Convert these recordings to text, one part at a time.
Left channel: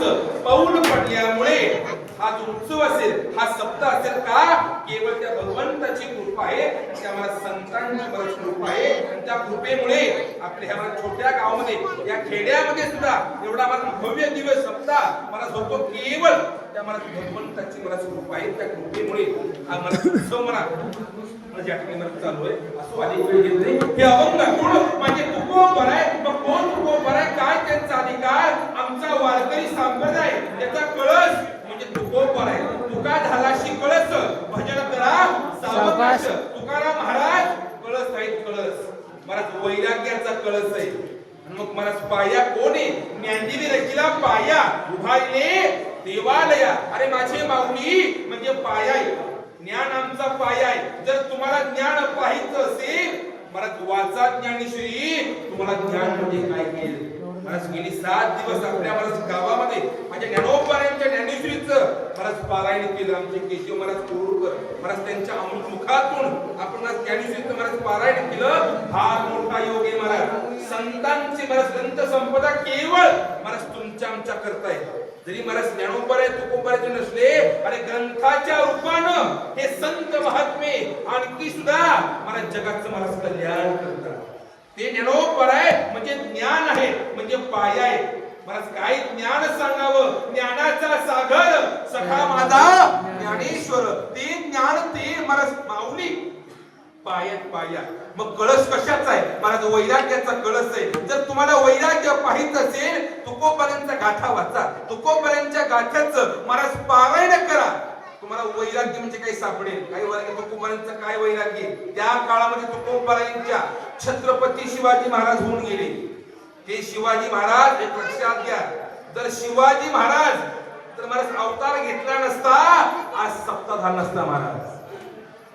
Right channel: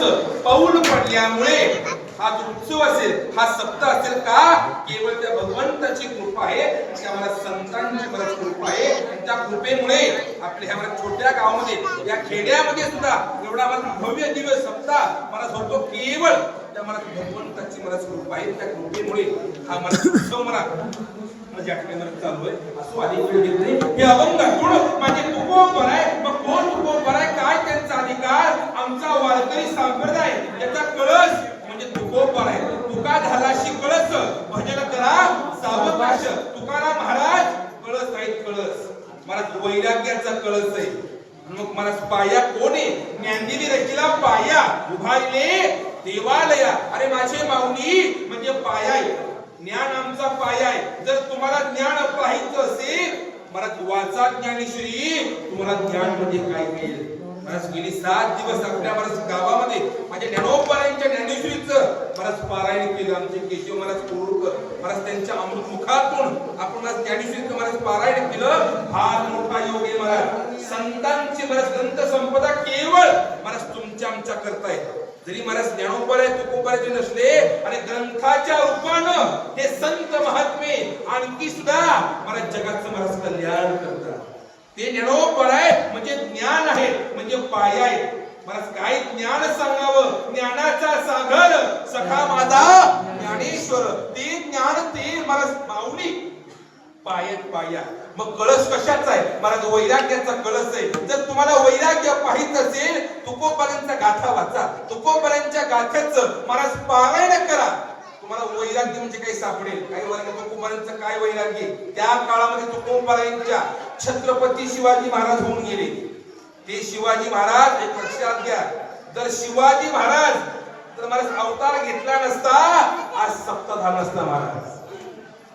महाराजांचं पाऊल पडल्यामुळे हा जो उत्सव असेल, हा सप्ताह असेल का केवळ त्या भगवंताची कृपा आहे, त्या मला संतांची बरंच कृपा आहे. आणि त्या कृपेमुळे आपल्या ह्या छोट्या गावामध्ये, या खेड्यामध्ये सुद्धा एवढा मला भव्य दिवस सप्ताह मला होतो केवळ त्या मला भगवंताची मला कृपा आहे. त्या कृपेमुळे हा मला उत्सव मला ज्या ठिकाणी मला चालू आहे असं अनेक वेळ घेत नाही. हे अभंग कोण म्हणजे तुकोबर आहे. मग कोण तुकोबर आहे, काय त्यांचा अधिकार? आमचा वारकरी संप्रदाय त्याचा कळस म्हणजे तुकोबर आहे. तुका झालाशी कळस भजन करा सावकाश. तुकाराम महाराज कळस आहेत, कळस मला वैराग्याचा कळस आहे. मग मला पाया कोण आहे? ज्ञानदेवी रचिला पाया उभारले देवालया. अरे माझे माऊली म्हणजे पाया आहे, ज्ञान आमचा पाया आहे. जर तुम्हाला ज्ञान पाहायचं असेल मला वाचा ज्ञानेश्वरी, तुम्हाला ज्ञान म्हणजे काय मिळेल. मला गेली 7 दिवस आपल्या मला गावामध्ये माझ्या ज्ञानोबारायांच्या ज्ञानेश्वरीचं मला पारायण केलं. आमचे केशव महाराज कोरुळकर महाराज त्यांच्या अमृत मुखातून आपण ज्ञानेश्वरीचं मला पारायण केलं. फार मोठा योग आहे महाराज. संतांची मला ग्रंथ संपदा केवळ मला तुमच्या आमच्या करताय. जरी महाराज ज्ञानोबाराय तुकोबारायचे नसले आणि ग्रंथाच्या रूपानं हे संत महात्मे आणखी सुद्धा महाराज जगाचं महाराज कल्याण करतात. ते ज्ञानोबाराय म्हणजे ज्ञान आहे, म्हणजे पाया आहे. महाराज काय ज्ञान सांगावं? ज्ञानाचा सागर सखा माझा ज्ञानेश्वर. ते ज्ञान ते महाराज माऊली पायात पाया. मग कळस कशाचा आहे? महाराज वैराग्याचा कळस आहे. जर तुम्हाला वैराग्य पाहिजे असेल तुकोबारांचा गाथा वाचा. तुकोबारांच्या गाथ्याचं महाराज पारायण करा. तुम्हाला वैराग्य म्हणजे काही सापडेल. काही तुकोबारांचं काय वैराग्य? त्या काळामध्ये तुकोबारांच्या छत्रपती शिवाजी महाराज होऊन गेले. हे शिवाजी महाराज एक लक्षात घ्या, जर शिवाजी महाराज जर महाराज अवतार घेतला नसता आज सप्ताह झाला नसता महाराज.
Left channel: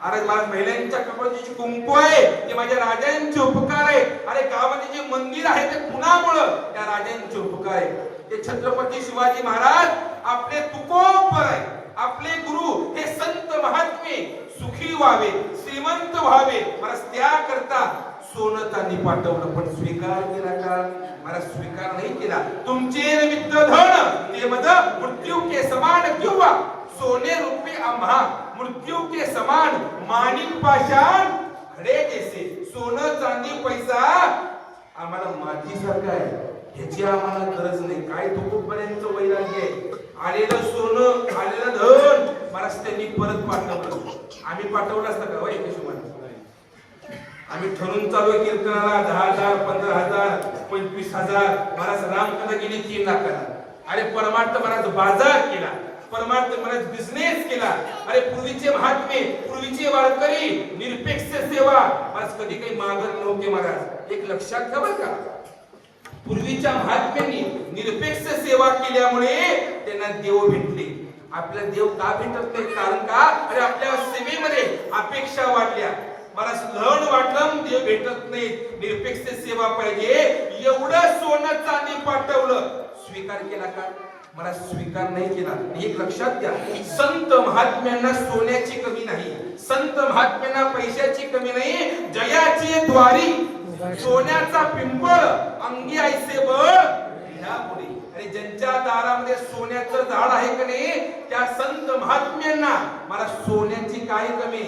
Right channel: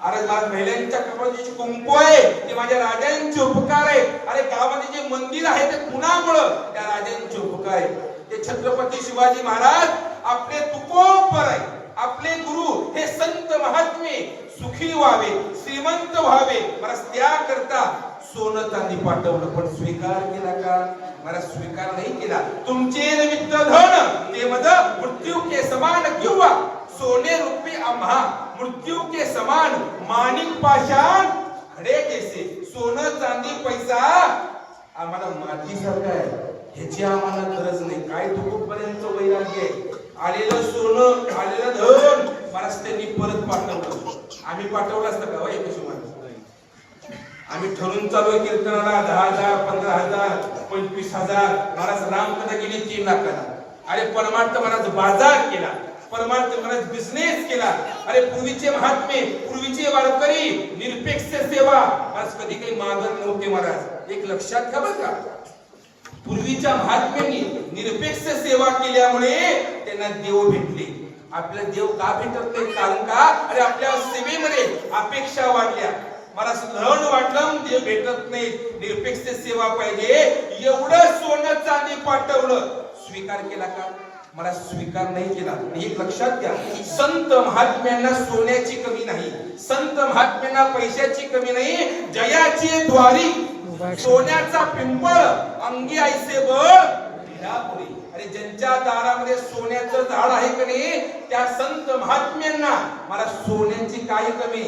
अरे माझ्या महिलांच्या कपाळाची कुंकू आहे ते माझ्या राजांचे उपकार आहे. अरे गावामध्ये जे मंदिर आहे ते कुणामुळं? त्या राजांचे उपकार आहे. ते छत्रपती शिवाजी महाराज आपले तुकोबर आहे. आपले गुरु हे संत महात्मे सुखी व्हावे, श्रीमंत व्हावे, महाराज त्याकरता सोनं चांदी पाठवलं. पण स्वीकार केला का? महाराज स्वीकार नाही केला. तुमचे निमित्त धन ते मद मृत्यू के समान किंवा सोने रुपये आम्हा मृत्यू के समान माणिक पाषाण खडे जैसे. सोनं चांदी पैसा आम्हाला मातीसारखा आहे, ह्याची आम्हाला गरज नाही. काय तुकोबारांचं वैराग्य आहे. आलेलं सोनं आलेलं धन महाराज त्यांनी परत पाठवलं. आम्ही पाठवलं असतं का? एक हिशोबाने आम्ही ठरून चालू कीर्तनाला 10,000 15,000 25,000. महाराज रामकथा गेली 3 लाखाला. अरे परमार्थ महाराज बाजार केला, परमार्थ महाराज बिझनेस केला. अरे पूर्वीचे महात्मे पूर्वीचे वारकरी निरपेक्ष सेवा आज कधी काही मागत नव्हते महाराज. एक लक्षात घ्या बरं का, पूर्वीच्या महात्म्यांनी निरपेक्ष सेवा केल्यामुळे त्यांना देव भेटले. आपल्याला देव का भेटत नाही? कारण का? अरे आपल्या सेवेमध्ये अपेक्षा वाढल्या. मला धन वाटलं देव भेटत नाही, निरपेक्ष सेवा पाहिजे. एवढं सोनं चांदी पाठवलं, स्वीकार केला का? मला स्वीकार नाही केला. एक लक्षात घ्या, संत महात्म्यांना सोन्याची कमी नाही, संत महात्म्यांना पैशाची कमी नाही. जयाची द्वारी सोन्याचा पिंपळ अंगी ऐसे बळ भिडापुरी. अरे ज्यांच्या दारामध्ये सोन्याचं झाड आहे की नाही त्या संत महात्म्यांना मला सोन्याची काय कमी?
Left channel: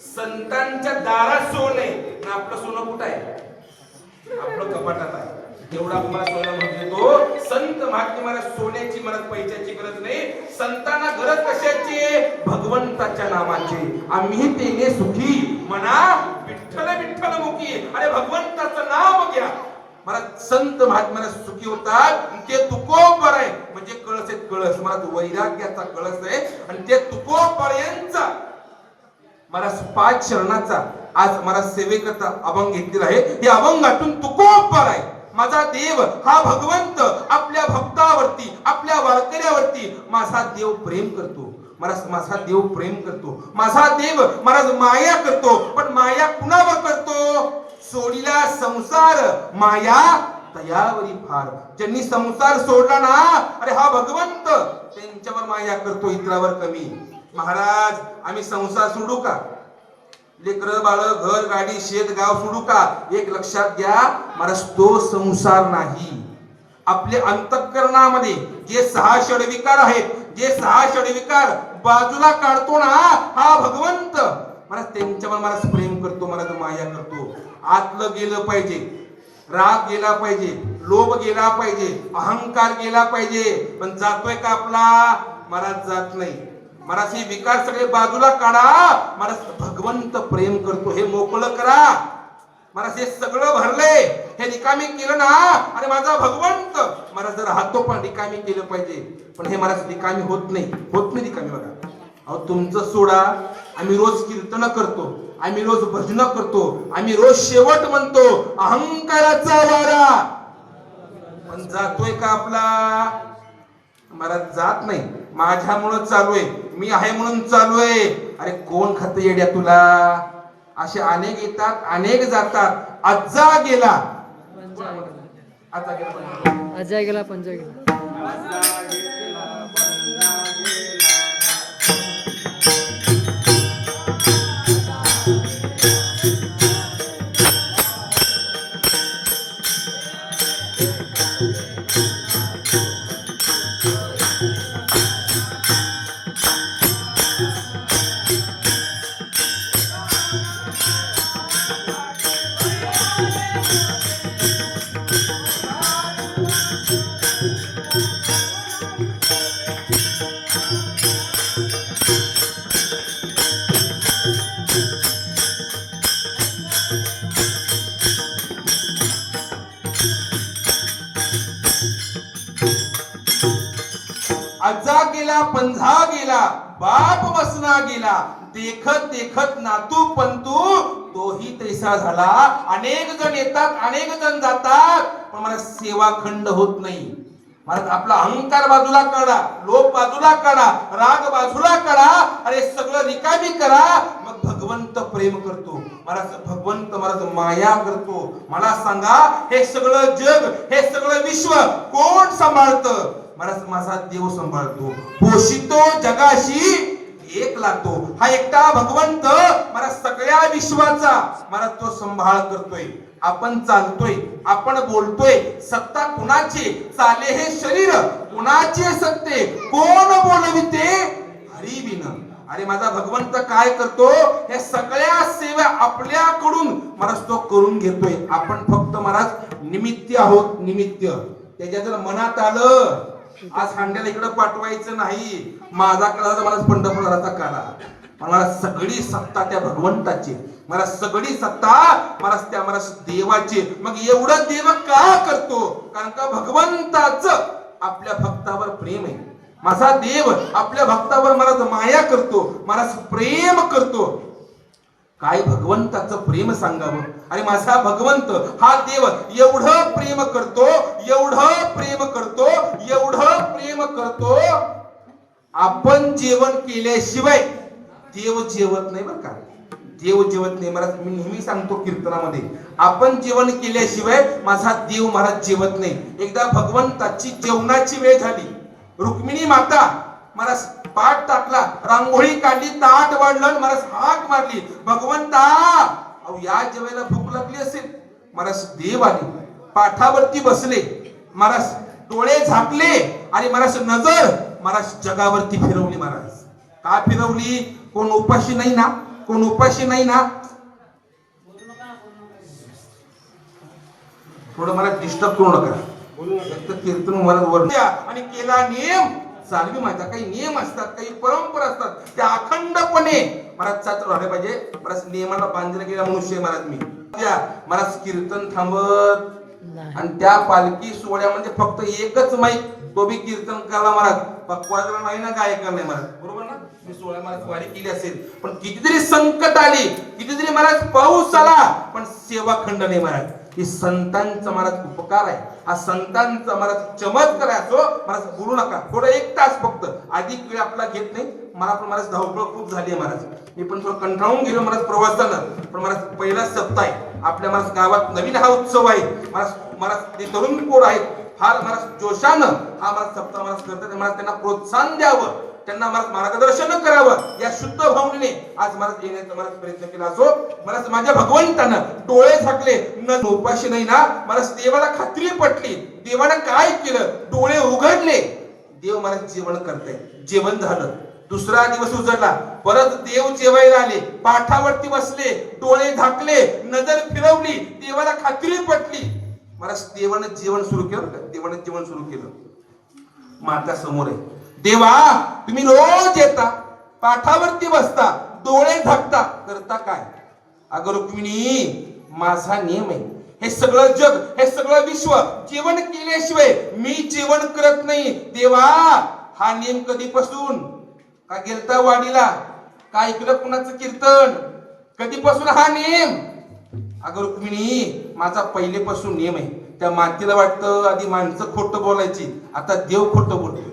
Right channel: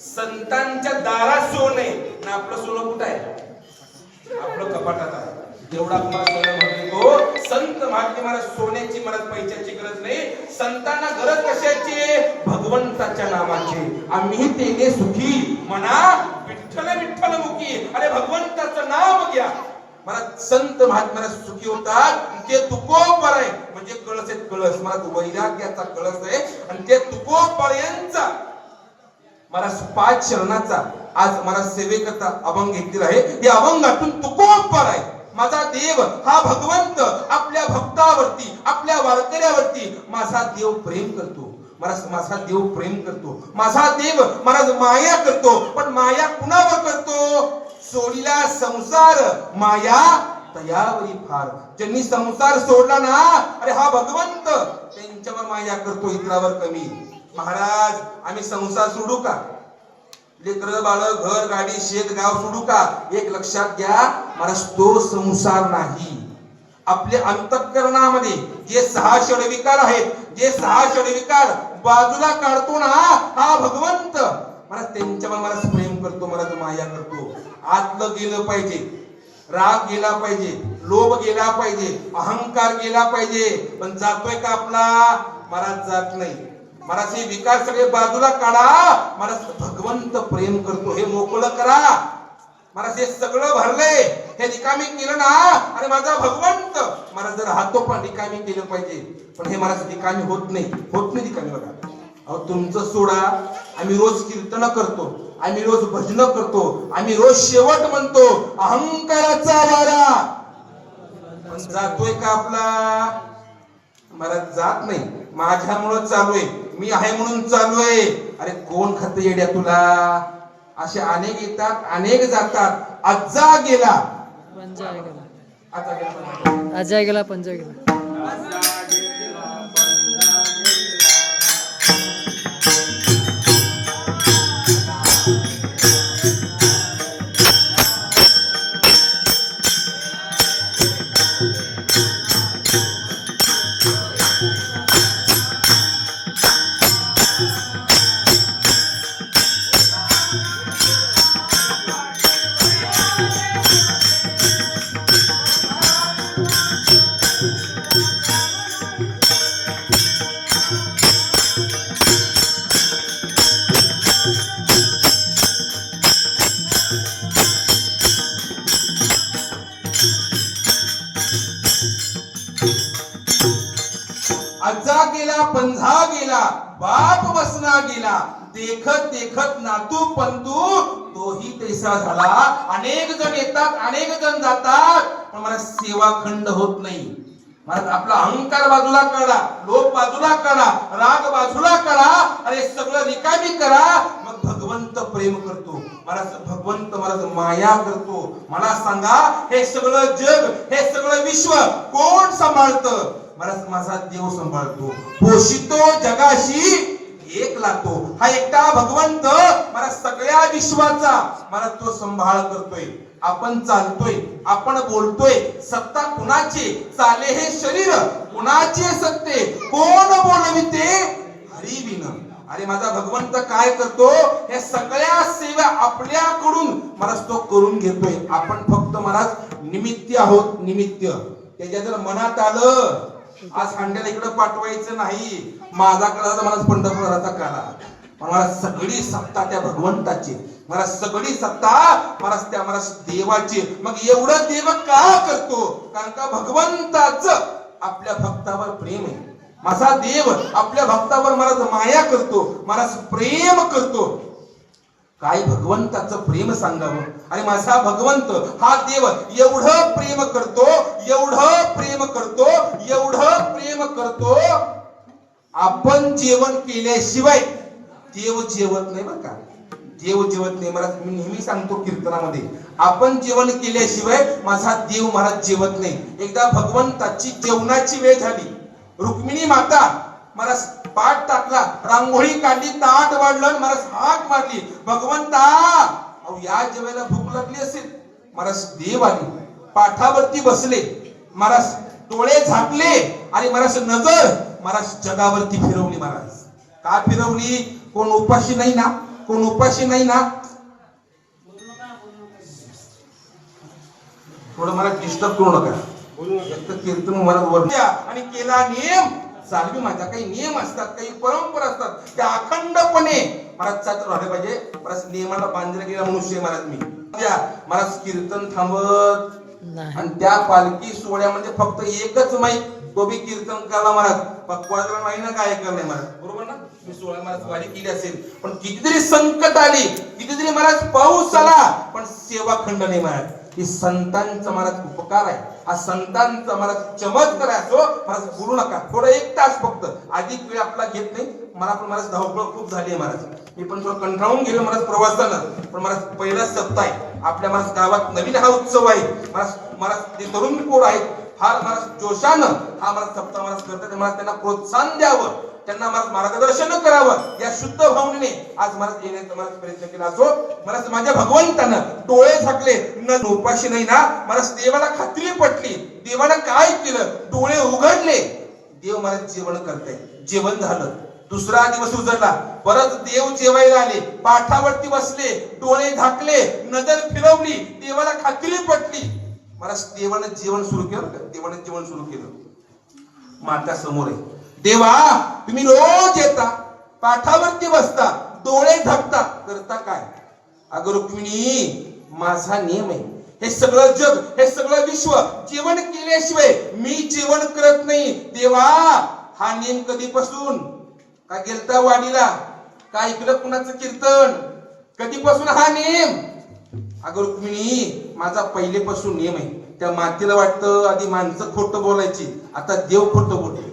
संतांच्या दारात सोनं आहे ना. आपलं सोनं कुठं आहे? आपलं कपाटात आहे. एवढा आपला सोनं म्हणतो. संत महात्मे मला सोन्याची मला पैशाची गरज नाही. संतांना गरज कशाची? भगवंताच्या नामाची. आम्ही तेने सुखी म्हणा विठ्ठल विठ्ठल मुखी. अरे भगवंताचं नाव घ्या. मला संत महात्म्याला सुखी होतात. ते तुकोबर आहे म्हणजे कळस आहे. कळस मला वैराग्याचा कळस आहे आणि ते तुकोबरायांचा मला 5 चरणाचा आज मला सेवेकरता अभंग घेतलेला आहे. या अभंगातून तुकोबर आहे. माझा देव हा भगवंत आपल्या भक्तावरती आपल्या वारकऱ्यावरती माझा देव प्रेम करतो. माझा देव प्रेम करतो. माझा देव महाराज माया करतो. पण माया कुणावर करतो? सोडीला संसार माया तयावरी फार. ज्यांनी संसार सोडला ना, अरे हा भगवंत त्यांच्यावर माया करतो, इतरावर कमी. महाराज आम्ही संसार सोडू का? लेकर बाळ घर गाडी शेत गाव सोडू का? एक लक्षात घ्या महाराज, तो संसार नाही. आपल्या अंतःकरणामध्ये जे 6 षडविकार आहेत, जे 6 षडविकार बाजूला काढतो ना हा भगवंत, मला त्यांच्यावर मला प्रेम करतो, मला माया करतो. आतलं गेलं पाहिजे, राग गेला पाहिजे, लोभ गेला पाहिजे, अहंकार गेला पाहिजे. पण जातोय का आपला? मला जात नाही. मला हे विकार सगळे बाजूला काढा, मला भगवंत प्रेम करतो हे मोकळं करा. मला हे सगळं भरलंय, हे रिकामी केलं ना, आणि माझा भगवंत मला जर हातो पण रिकामी केलं पाहिजे. पण हे मला रिकामी होत नाही रिकामी. बघा अहो, तुमचं सोडा, आम्ही रोज कीर्तन करतो, आम्ही रोज भजन करतो, आम्ही रोज शेवट म्हणतो अहंकाराचा वारा. पण जातोय का आपला? मला जात नाही. माझ्यामुळं चालू आहे, मी आहे म्हणून चालू आहे. अरे कोण खात येड्या तुला? असे अनेक येतात, अनेक जातात. आजा गेला आजा गेला पंजा गेला. आजा गेला पंजा गेला, बाप बसना गेला, देखत देखत नातू पंतू तोही तैसा झाला. अनेक जण येतात, अनेक जण जातात, पण मला सेवा खंड होत नाही. मला आपला अहंकार बाजूला काढा, लोभ बाजूला काढा, राग बाजूला काढा, आणि सगळं रिकामी करा. मग भगवंत प्रेम करतो, मला भगवंत मला माया करतो. मला सांगा, हे सगळं जग, हे सगळं विश्व कोण सांभाळतं? मला माझा देव सांभाळतो. पोषितो जगाशी एक लागतो. हा एकटा भगवंत मला सगळ्या विश्वाचा मला तो सांभाळ करतोय. आपण चालतोय, आपण बोलतोय, सत्ता कुणाची? चाले हे शरीर कुणाचे सत्ते? कोण बोलविते? हरी बिन. अरे माझा भगवंत काय करतो? हे सगळ्या सेवा आपल्याकडून मला तो करून घेतोय. आपण फक्त मला निमित्त आहोत, निमित्त. त्याच्या जर मनात आलं आज खांड्याला इकडे पाठवायचं नाही, माझा काळाचा मला पंढरपुराचा काला, मला सगळी सत्ता त्या भगवंताची, मला सगळी सत्ता मला देवाची. मग एवढं देव का करतो? कारण का भगवंताच आपल्या भक्तावर प्रेम आहे. माझा देव आपल्या भक्तावर मला माया करतो, मला प्रेम करतो. काय भगवंताचं प्रेम सांगावं? आणि माझा भगवंत हा देव एवढं प्रेम करतो, एवढं प्रेम करतो, एवढं प्रेम करतो. आपण जेवण केल्याशिवाय देव जेवत नाही. बरं का, देव जेवत नाही. मला मी नेहमी सांगतो कीर्तनामध्ये, आपण जेवण केल्याशिवाय माझा देव मला जेवत नाही. एकदा भगवंताची जेवणाची वेळ झाली, रुक्मिणी माता मला पाठ टाकला, रांगोळी काढली, ताट वाढलं, मला हाक मारली, भगवंता अहो या जेवायला भूक लागली असेल. मला देव आली, पाठावरती बसले, मला डोळे झाकले, आणि मला नजर मला जगावरती फिरवली. महाराज का फिरवली? कोण उपाशी नाही ना? कोण उपाशी नाही ना? थोडं मला डिस्टर्ब करू नका. कीर्तन मला आणि केला नियम चालवी. माझा काही नियम असतात, काही परंपरा असतात, त्या अखंडपणे मला चालू राहिले पाहिजे. मला नियमाला बांधला गेला मनुष्य महाराज मी. मला कीर्तन थांबत, आणि त्या पालखी सोहळ्यामध्ये फक्त एकच माईक, तो बी कीर्तन करा महाराज. पक्वाचा माई ना काय करणे महाराज, बरोबर ना? मी सोहळा महाराज वारी केली असेल, पण कितीतरी संकट आली, कितीतरी महाराज पाऊस आला, पण सेवा खंड नाही महाराज. ही संतांचा महाराज उपकार आहे, हा संतांचा महाराज चमत्कार आहे. असो महाराज बोलू नका, थोडं 1 तास फक्त, अधिक वेळ आपला घेत नाही. मला पण महाराज धावपळ खूप झाली आहे महाराज, मी पण थोडं कंटाळून गेलो महाराज प्रवासानं. पण महाराज पहिला सप्ताह आहे आपल्या महाराज गावात, नवीन हा उत्सव आहे महाराज. ते तरुण पोर आहेत, फार महाराज जोशानं हा महाराज सप्ताह महाराज करतात. महाराज त्यांना प्रोत्साहन द्यावं, त्यांना मार्गदर्शन करावं या शुद्ध भावनेने आज मला येण्याचा मला प्रयत्न केला असो. मला माझ्या भगवंतानं डोळे झाकले न उपाशी नाही ना. मला देवाला खात्री पटली. देवाने काय केलं, डोळे उघडले. देव मला जेवण करते. जेवण झालं. दुसरा दिवस उजळला. परत देव जेवायला आले. पाठावरती बसले. डोळे झाकले. नजर फिरवली. देवाला खात्री पटली. मला देवाने जेवण सुरू केलं. देवाने जेवण सुरू केलं. माता समोर आहे. देवा तुम्ही रोज येता, पाठावरती बसता, डोळे झाकता, करता काय? अगं रुक्मिणी, माझा नियम आहे. हे सगळं जग, हे सगळं विश्व जेवण केल्याशिवाय मी जेवण करत नाही. देवा हा नियम कधीपासून? का गेलता वाडीला? का ऐकलं कुणाचं कीर्तन? कधीपासून हा नियम? अगं रुक्मिणी, माझा पहिलेपासून नियम आहे. त्या मातेला वाटतं आधी माणसं खोटं बोलायची, आता देव खोटं बोलतो.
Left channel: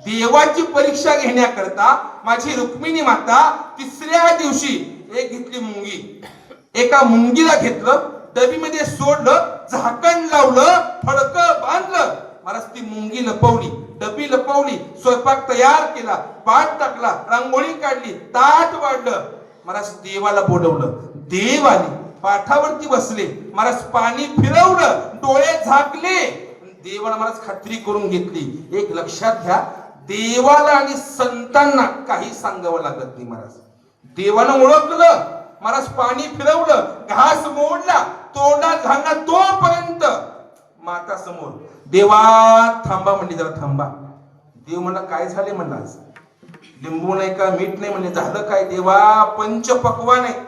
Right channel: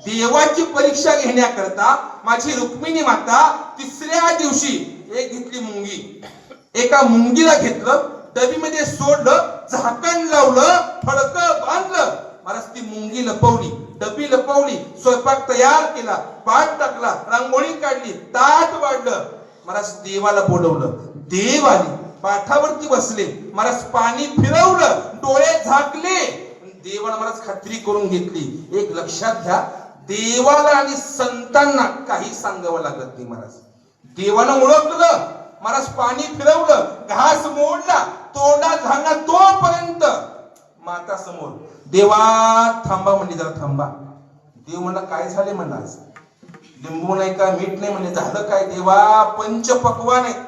देवाची परीक्षा घेण्याकरता माझी रुक्मिणी माता तिसऱ्या दिवशी एक घेतली मुंगी. एका मुंगीला घेतलं, डबीमध्ये सोडलं, झाकण लावलं, फडकं बांधलं. मला ती मुंगी लपवली, डबी लपवली, स्वयंपाक तयार केला, पाट टाकला, रांगोळी काढली, ताट वाढलं. मला देवाला बोलवलं. देव आले, पाठावरती बसले, मला पाणी फिरवलं, डोळे झाकले. देवाला मला खात्री करून घेतली. एक लक्षात घ्या, देवाला आणि संतांना काही सांगावं लागत नाही. महाराज देवानं ओळखलं, महाराज पाणी फिरवलं, घास मोडला, तोंडा झाला, तोपर्यंत माता समोर. देवा थांबा म्हणली, जरा थांबा. देव म्हणला काय झाले? म्हणला आज लिंबू नाही का, मीठ नाही म्हणले. झालं काय? देवा पंच पक्वान आहे,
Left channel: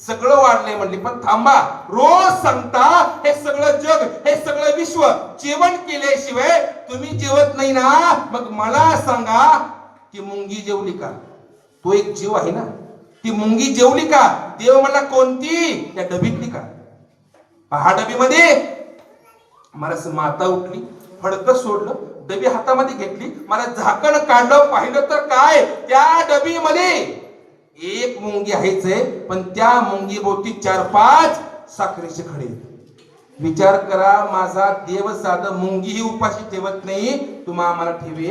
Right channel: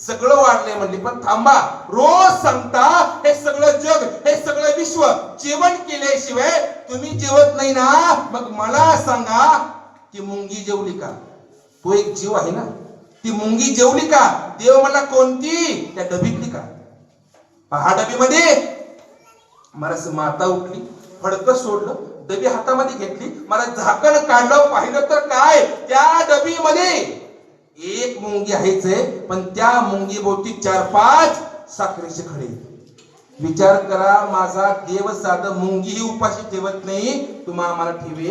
सगळं वाढलंय म्हणली, पण थांबा. रोज सांगता हे सगळं जग, हे सगळं विश्व जेवण केल्याशिवाय तुम्ही जेवत नाही ना. मग मला सांगा, ती मुंगी जेवली का? तो एक जीव आहे ना. ती मुंगी जेवली का? देव म्हणला कोणती? त्या डबीतली का? पहा डबीमध्ये. मला माता उठली, फडकं सोडलं, डबी हातामध्ये घेतली, मला झाकण काढलं, पाहिलं तर काय, त्या डबीमध्ये एक मुंगी आहेच आहे, पण त्या मुंगी भोवती 4-5 साखरेचे खडे. विचार करा, माझा देव साधं मुंगी ही उपाशी ठेवत नाही, तुम्हा आम्हाला ठेवे.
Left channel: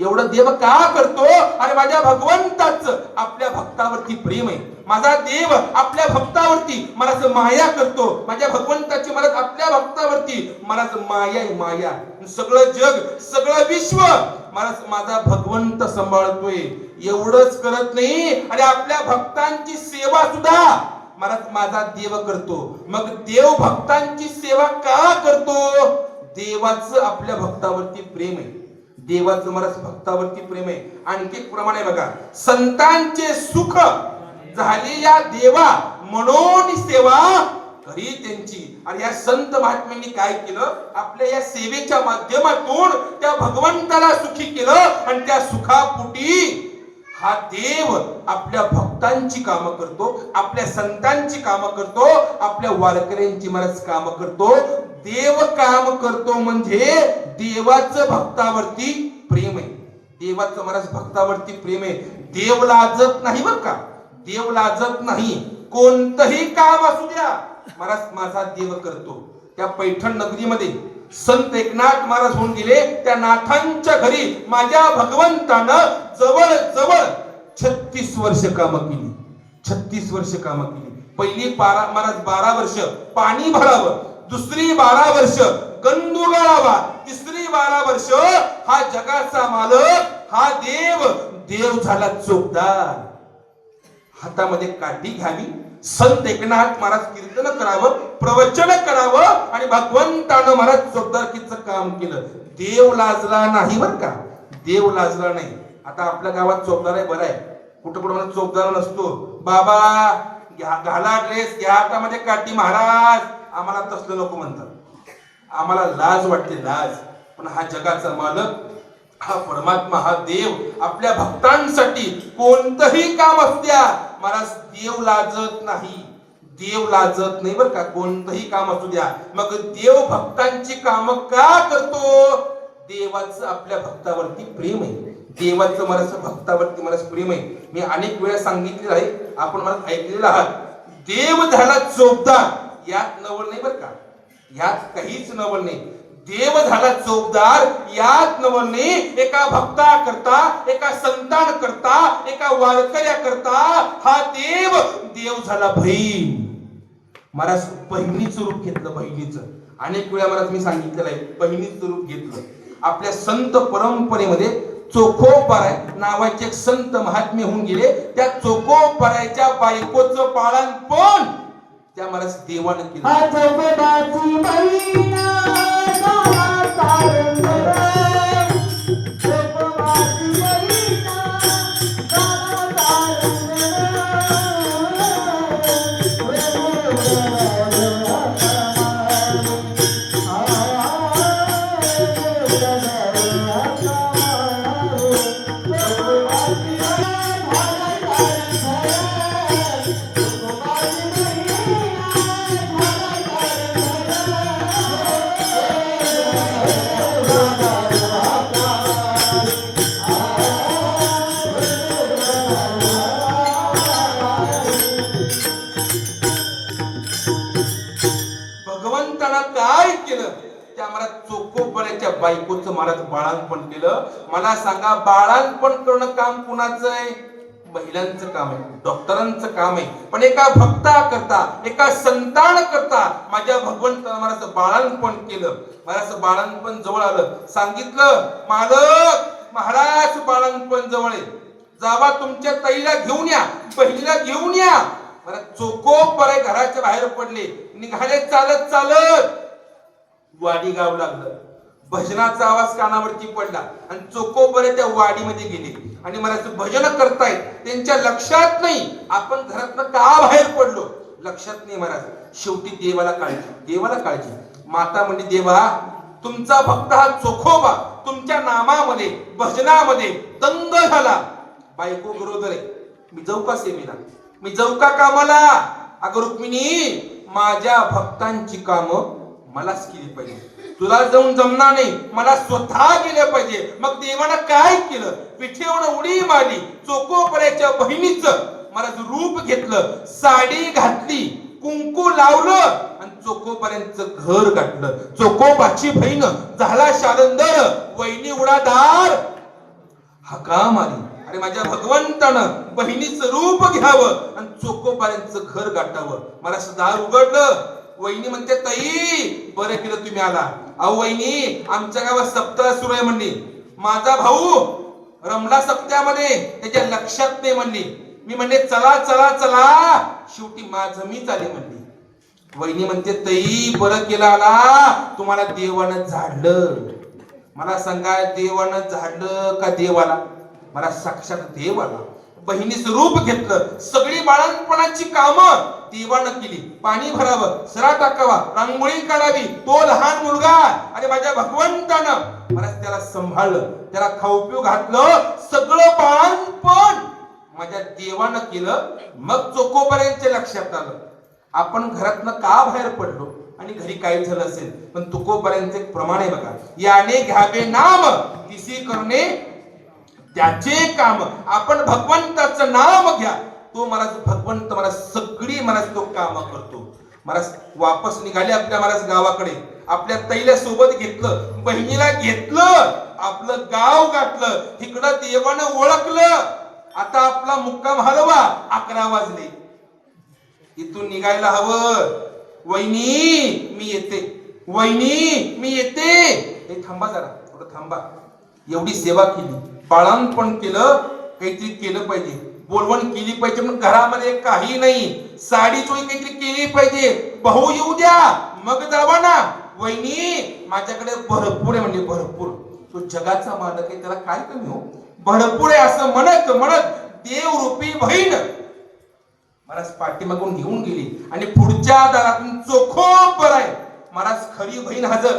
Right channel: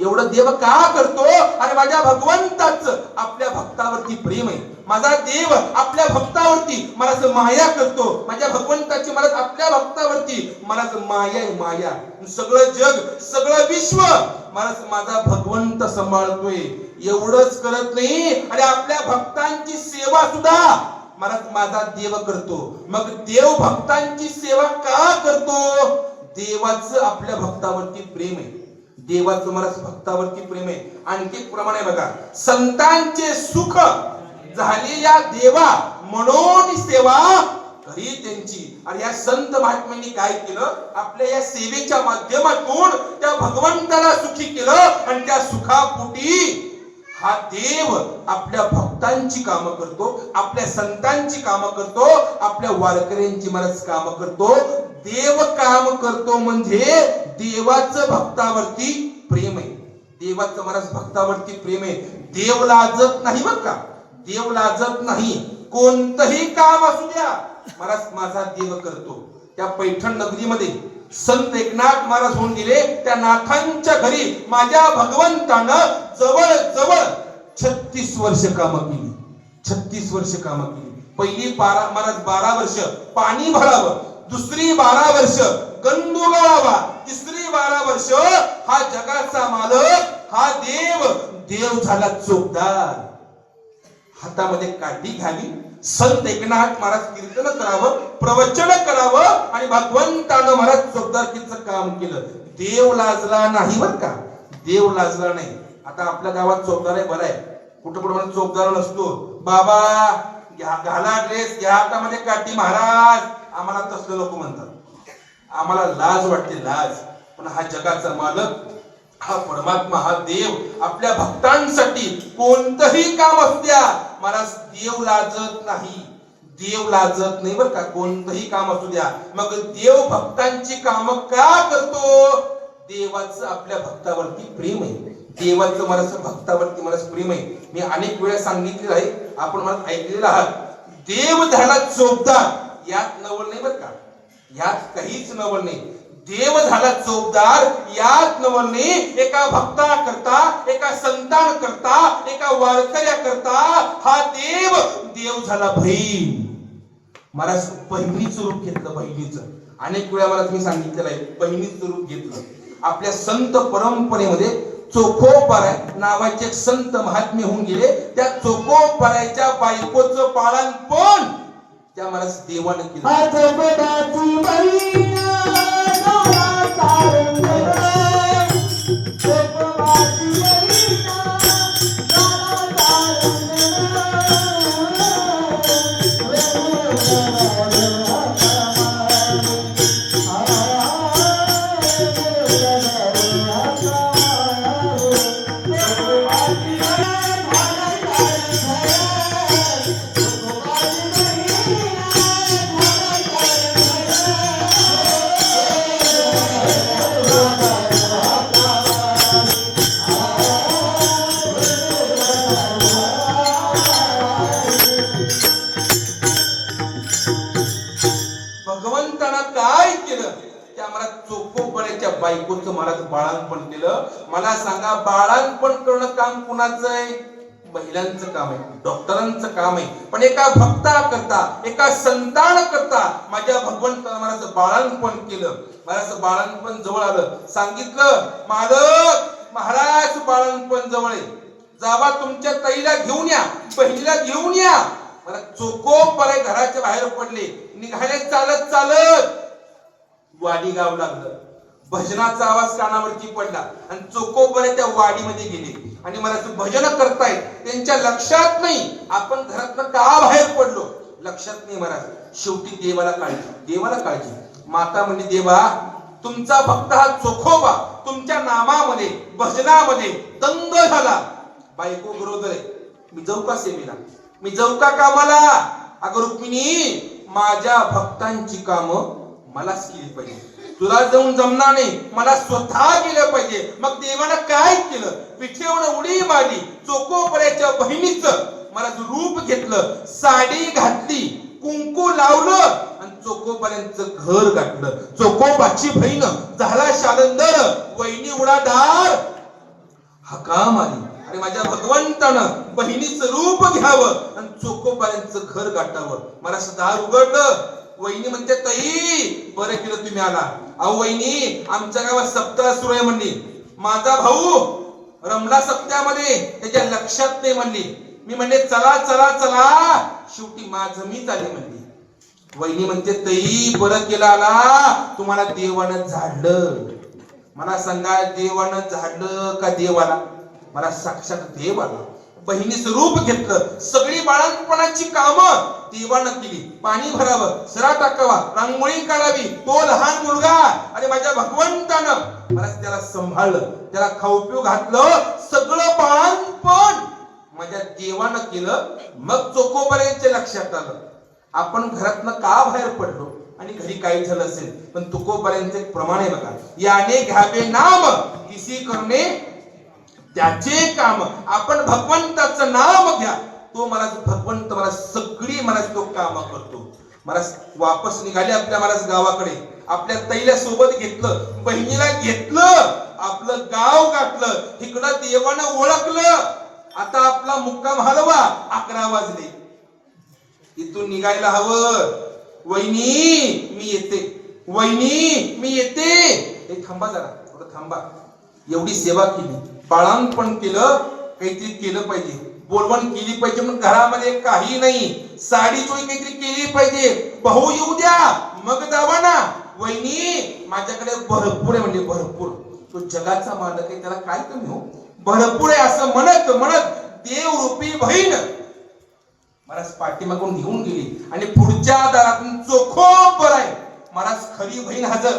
एवढं देव का करतो? आणि माझ्या भगवंताचं आपल्या भक्तावरती प्रेम आहे. माझा देव आपल्या भक्तावरती मला माया करतो. माझ्या भगवंताची मला आपल्या भक्तावरती मला माया आहे, माया. सगळं जग, सगळं विश्व मला माझा भगवंत सांभाळतोय. एवढंच करत नाही, आणि आपल्या भक्तांची सेवा सुद्धा मला माझा देव करतो. मग देव भक्तांची सेवा का करतो? देवाचं आपल्या भक्तावरती प्रेम आहे. देवाचं मला भक्तावरती प्रेम आहे. आणखी एक प्रमाण आहे बघा, संतांचे सुख झालेल्या देवा म्हणून सेवा ही त्यांची. आणि या संत महात्म्यांनी काय केलं? आपल्या या सेवेच्या माध्यमातून त्या भगवंताला सुखी केलं. आणि त्या सुखापोटी हा देव आपल्या भक्तांची कामं करतो, आपल्या संतांची कामं करतो, आपल्या वारकऱ्यांची मरज कामं करतो. देव काम करतो म्हणजे देवाचं भक्तावरती प्रेम आहे. देवाचं मरज भक्तावरती प्रेम आहे. देव लाजत नाही बरं का, देव लाजत नाही. कोणतंही काम असू द्या, मला माझा देव करतो. त्या पैठण नगरीमध्ये संत एकनाथ महाराज होऊन गेले. त्या नाथांच्या घरी माझ्या भगवंतानं जवळ जवळ 36 वर्ष कामं केली. 36 वर्ष कामं केली. पहिली महाराज 12 वर्ष पाणी भरावं, दुसरी 12 वर्ष गंडू गाळावा, तिसरी 12 वर्ष हा जगाचा मालक हा देव. देव झाला चोपदार. हातामध्ये काठी घ्यावी, संत एकनाथ महाराज कीर्तन करावं, प्रवचन करावं, आणि भगवंतानं महाराज चोपदारकीचं काम केलं. देव लाजला नाही बरं का, देव लाजला नाही. आता आपल्या गावात चोपदार आहे, बरं आहे. कुठं कुठं मला चोपदार नसतो. बाबा घाला ड्रेस, घ्या हातामध्ये काठी महाराज. आम्हाला तसलं लोक म्हणतात. आम्हाला लाज वाटते, लाज. पण हा जगाचा मालक, हा परमात्मा, हा देव आपल्या भक्तांसाठी कोणतंही काम असू द्या, महाराज देव लाजत नाही. देव लाजत नाही बरं का, कोणतंही काम असू द्या. मग देव भक्तांची कामं का करतो? देवाचं आपल्या भक्तावरती प्रेम आहे. देवाचं मला भक्तावरती मला प्रेम आहे. मी अनेक वेळा सांगितलेलं आहे, आपण मला ऐकलेलं आहात. देव झाला चोपदार, यात नवल नाही बरं का, यात काहीच नवल नाही. देव झाला चोपदार याच नवलनी एका भक्ता करता, एका संतान करता, एका वारकऱ्या करता हा देव झाला बहीण. महाराज बहिणीचं रूप घेतलं. बहिणीचं अनेक वेळा मला तुम्ही सांगितलेलं आहे, बहिणीचं रूप घेतलं. आपल्या संत परंपरेमध्ये चोखोपराय नावाचे एक संत महात्मे होऊन गेले. त्या चोखोपरायच्या बायकोचं बाळंतपण त्या महाराज देवानं केलं. बायकोचं महाराज बाळांपण केलं. मला सांगा, बाळांपण करणं काम कुणाचं आहे? महिलांचं काम आहे, डॉक्टरांचं काम आहे. पण एका भक्ता करता, एका संतान करता माझ्या भगवंतानं मला बाळांपण केलं. मला बाळांपण जवळ आलं. सांगितलं, मालक महाराज बाळांपण जवळ आहे, जावा तुमच्या ताईला घेऊन या, बहिणीला घेऊन या. मला चोकोपराय घराच्या बाहेर पडले. निघाले चालत चालत. वाडी गाव लागलं. भजनाचा आवाज कानावरती पडला आणि चोकोपराय त्या वाडीमध्ये गेले आणि मला भजन करतायत. त्यांच्या लक्षात नाही आपण घरातनं का बाहेर पडलो, लक्षात नाही महाराज. शेवटी देवाला काळजी. माता म्हणजे, देवा तुमचा भक्त हा चोखोबा तुमच्या नामामध्ये भजनामध्ये दंग झाला. बायको बरोबर आहे, मी जाऊ का सेवेला, मी जाऊ का कामाला? अगं रुक्मिणी, माझ्या भक्तांची कामं मलाच केली पाहिजे. तुला जाऊन जमणार नाही, मला स्वतः गेलं पाहिजे. मग देवानं काय केलं? पिठीवर उडी मारली. चोकोपरायच्या बहिणीचं मला रूप घेतलं, साडी घातली, कुंकू लावलं आणि चोकोपरायचं घर गाठलं. चोकोबाची बहीण झाला शालंदर, वहिनी उडादार. हकाम आली, अरे माझ्या भगवंतानं बहिणीचं रूप घ्यावं आणि चोकोपरायचं घर गाठावं. मला दार उघडलं. वहिनी म्हणते, ताई बरं केलं तुम्ही आला. अहो वहिनी, आमच्या गावात सप्ताह सुरू आहे म्हणली. माझा भाऊ रमला सप्त्यामध्ये, त्याच्या लक्षात नाही म्हणली. मी म्हणले चला चला चला, शेवटी माझं मी चाले म्हणली. वहिनी म्हणते, ताई बरं केलं आला, तुम्हाला देवानं झाडलं. मला सांगा, देवानं झाडलं का देवाला? मला साक्षात देवाला. बहिणीचं रूप घेतलं. सगळी बाळंतपणाची कामं देवानं केली. पाणी भरावं, सरा टाकावा, रांगोळी काढावी, तो लहान मुलगा आणि माझ्या भगवंतानं मला त्याला सांभाळलं, त्याला खाऊ पिऊ घातलं. सगळं बाळंतपण माझ्या देवानं केलं. मग चोकोपरायच्या लक्षात आलं, आपण घरातनं का बाहेर पडलो आणि घरी काय झालं असेल. पण चोकोपरायचं एक प्रमाण आहे बघा, याने घ्यावे नाम किसी करणे त्याचे काम. आपण भगवंताचं नाम घ्या, तो मला भगवंत मला सगळी मला तो काम करतो. मला वापस निघाले आपल्या महाराज गावाकडे. आपल्या तैल्या सोबत घेतलं, बहिणीला घेतलं, आपलं गाव गाठलं. इकडं देवानं ओळखलं. आता आपला मुक्काम हलवा. 11 वाजले. इथून निघायला हवं. वहिनी मी येते, वहिनी मी येते. हे थांबा जरा, थोडं थांबा. एवढी सेवा केली, बाळांपण केलं, काहीतरी केलं पाहिजे, बोलवण केली पाहिजे. मग घरामध्ये काही नाही, साडी चोळी काहीतरी केली पाहिजे. भाऊ येऊ द्या, मग जावा ना. वहिनी माझ्याकडे भरपूर आहे म्हणजे भरपूर. तो जगाचा मालक आहे, त्याला काय कमी हो, भरपूर आहे असं म्हणत म्हणत देवरूपी बहीण महाराज पाठीमागून घेऊन गेली आणि पुढच्या दारातून चोखोपराय महाराज खरी बहीण हजर.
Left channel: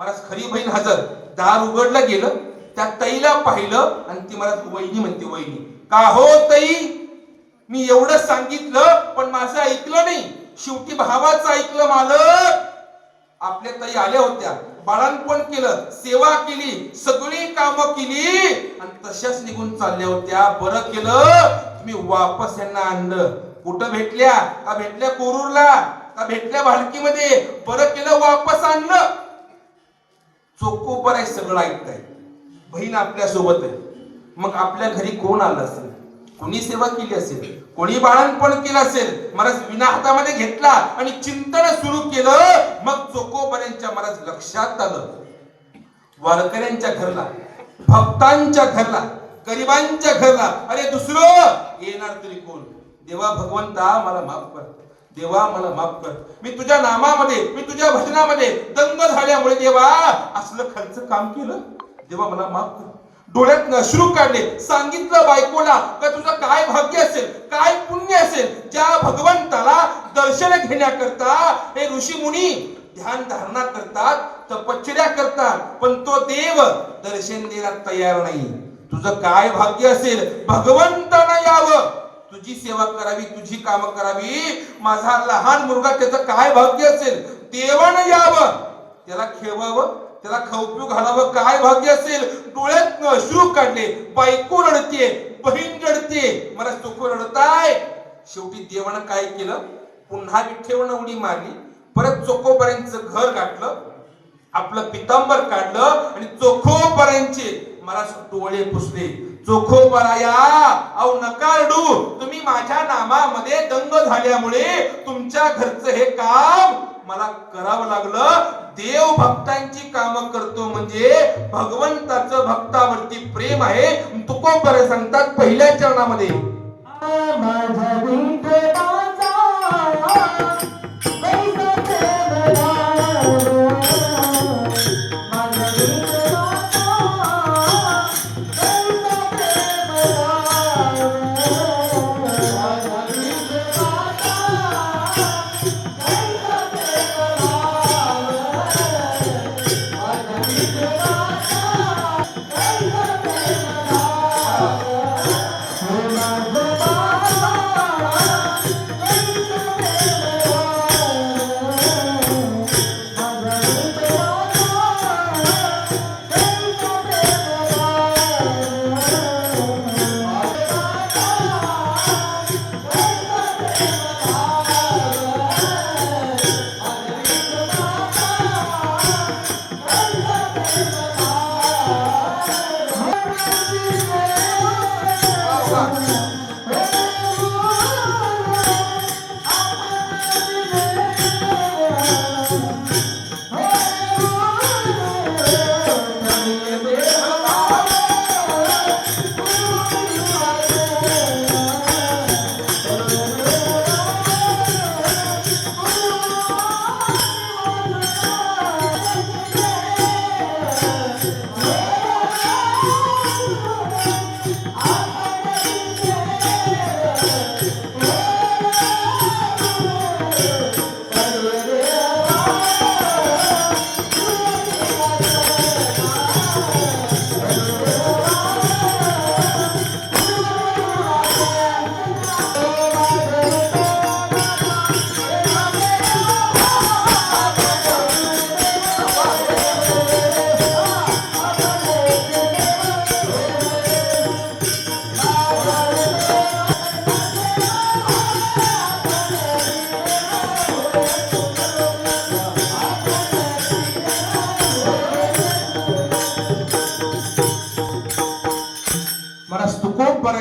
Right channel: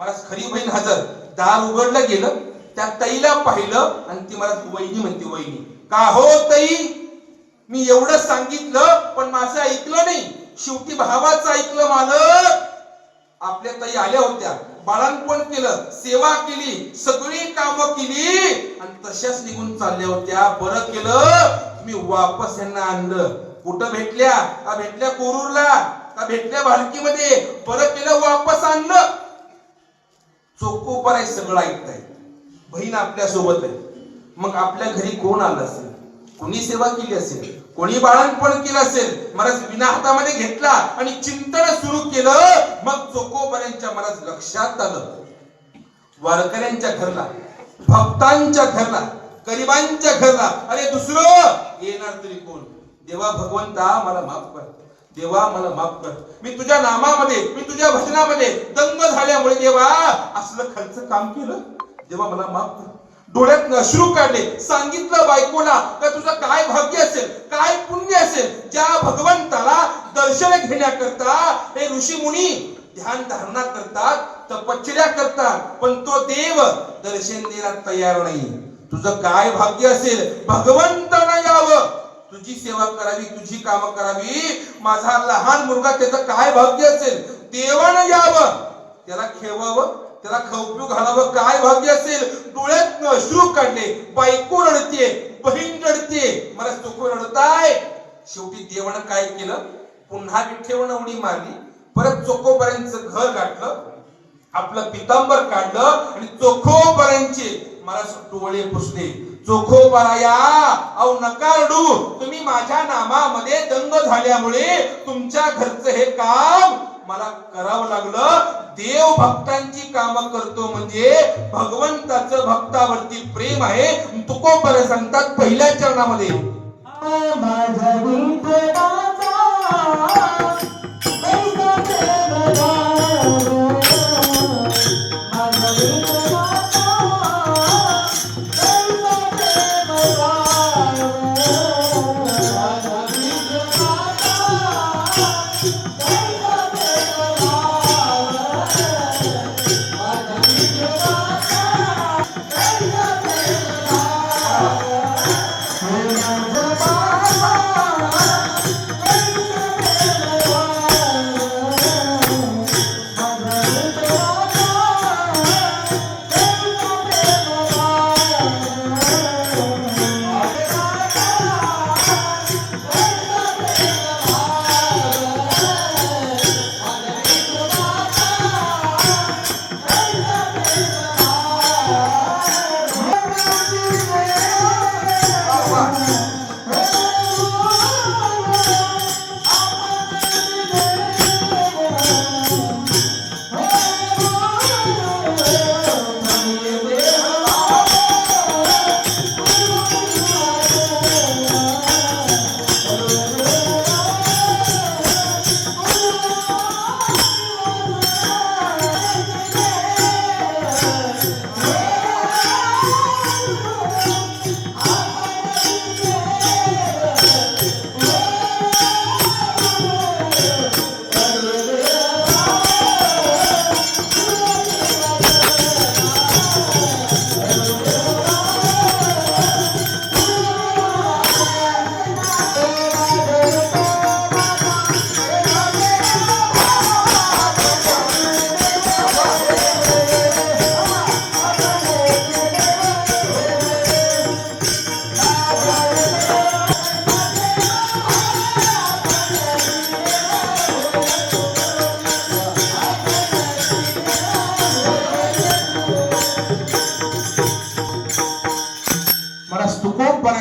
महाराज खरी बहीण हजर. दार उघडलं गेलं, त्या ताईला पाहिलं आणि ती मला वहिनी म्हणते, वहिनी का हो ताई, मी एवढं सांगितलं पण माझं ऐकलं नाही. शेवटी भावाचं ऐकलं मालक. आपल्या ताई आल्या होत्या, बाळांपण केलं, सेवा केली, सगळी कामं केली आणि तशाच निघून चालल्या होत्या. बरं केलं तुम्ही वापस यांना आणलं. कुठं भेटल्या? का भेटल्या कोरूरला, का भेटल्या भालकीमध्ये? बरं केलं वापस आणलं. चोखोबर आहे, सगळं ऐकताय. बहीण आपल्या सोबत आहे. मग आपल्या घरी कोण आलं असेल, कोणी सेवा केली असेल, कोणी बाळणपण केलं असेल, महाराज विना हातामध्ये घेतला आणि चिंतन सुरू केलं. मग चोखोबरांच्या महाराज लक्षात आलं, वारकऱ्यांच्या घरला, भक्तांच्या घरला, गरिबांच्या घरला अरे दुसरं येणार तरी कोण. देवा भगवंता मला माफ कर, देवा मला माफ कर. मी तुझ्या नामामध्ये, मी तुझ्या भजनामध्ये दंग झाल्यामुळे देवा असलं खर्च काम केलं. देवा मला माफ कर. डोळ्यात अश्रू काढले. सांगितलं बायकोला का तुझं काय भाग्य असेल, काय पुण्य असेल, ज्या भगवंताला दर्शन घेण्याकरता हे ऋषी मुनी ध्यान धारणा करतात, तपश्चर्या करतात, पण तो देव दर्शन द्यायला तयार नाही. तुझं काय भाग्य असेल, भगवंतानं यावं, तुझी सेवा करावी, तुझी कामं करावी. माझा लहान मुलगा, त्याचं काय भाग्य असेल, देवानं यावं, त्याला खेळवावं, त्याला खाऊ घालावं, काय भाग्य असेल. डोळ्यात अश्रू काढले. बायको रडते, बहीण रडते, मला चोखो रडताय. शेवटी देवानं काय केलं, पुन्हा विठ्ठेवरनं उडी मारली. परत चोखोबरांचं घर गाठलं, आपलं पितांबर काढलं आणि चोखोबरांचे महाराज डोळे पुसले. चोखोबराया अहो नका रडू, तुम्ही माझ्या नामामध्ये दंग झाल्यामुळे तुमच्या घरचं हे काम मला करावं लागलं. देव भक्तांची कामं करतो म्हणजे भगवंताचं भक्तावरती प्रेम आहे. तुकोबर सांगतात पहिल्या चरणामध्ये, माझ्या विठोबाचा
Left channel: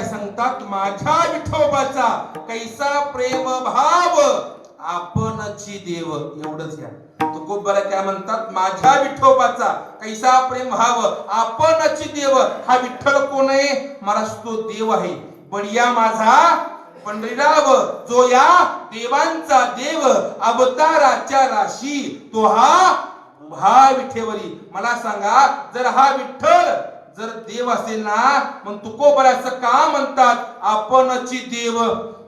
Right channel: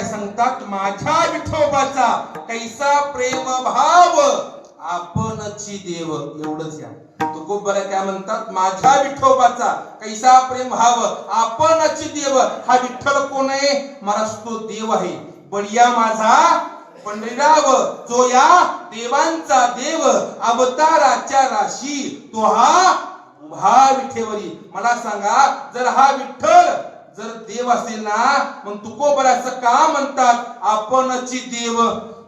सांगतात माझ्या विठोबाचा कैसा प्रेम भाव आपणची देव. एवढंच घ्या. तुकोबरा काय म्हणतात, माझ्या विठोबाचा कैसा प्रेम भाव आपणची देव. हा विठ्ठल कोण आहे, महाराज तो देव आहे. बडिया माझा पंढरीराव जो या देवांचा देव अवताराच्या राशी तो हा उभा विठेवरी. मला सांगा, जर हा विठ्ठल जर देव असेल ना, मग तुकोबराचं का म्हणतात आपणची देव.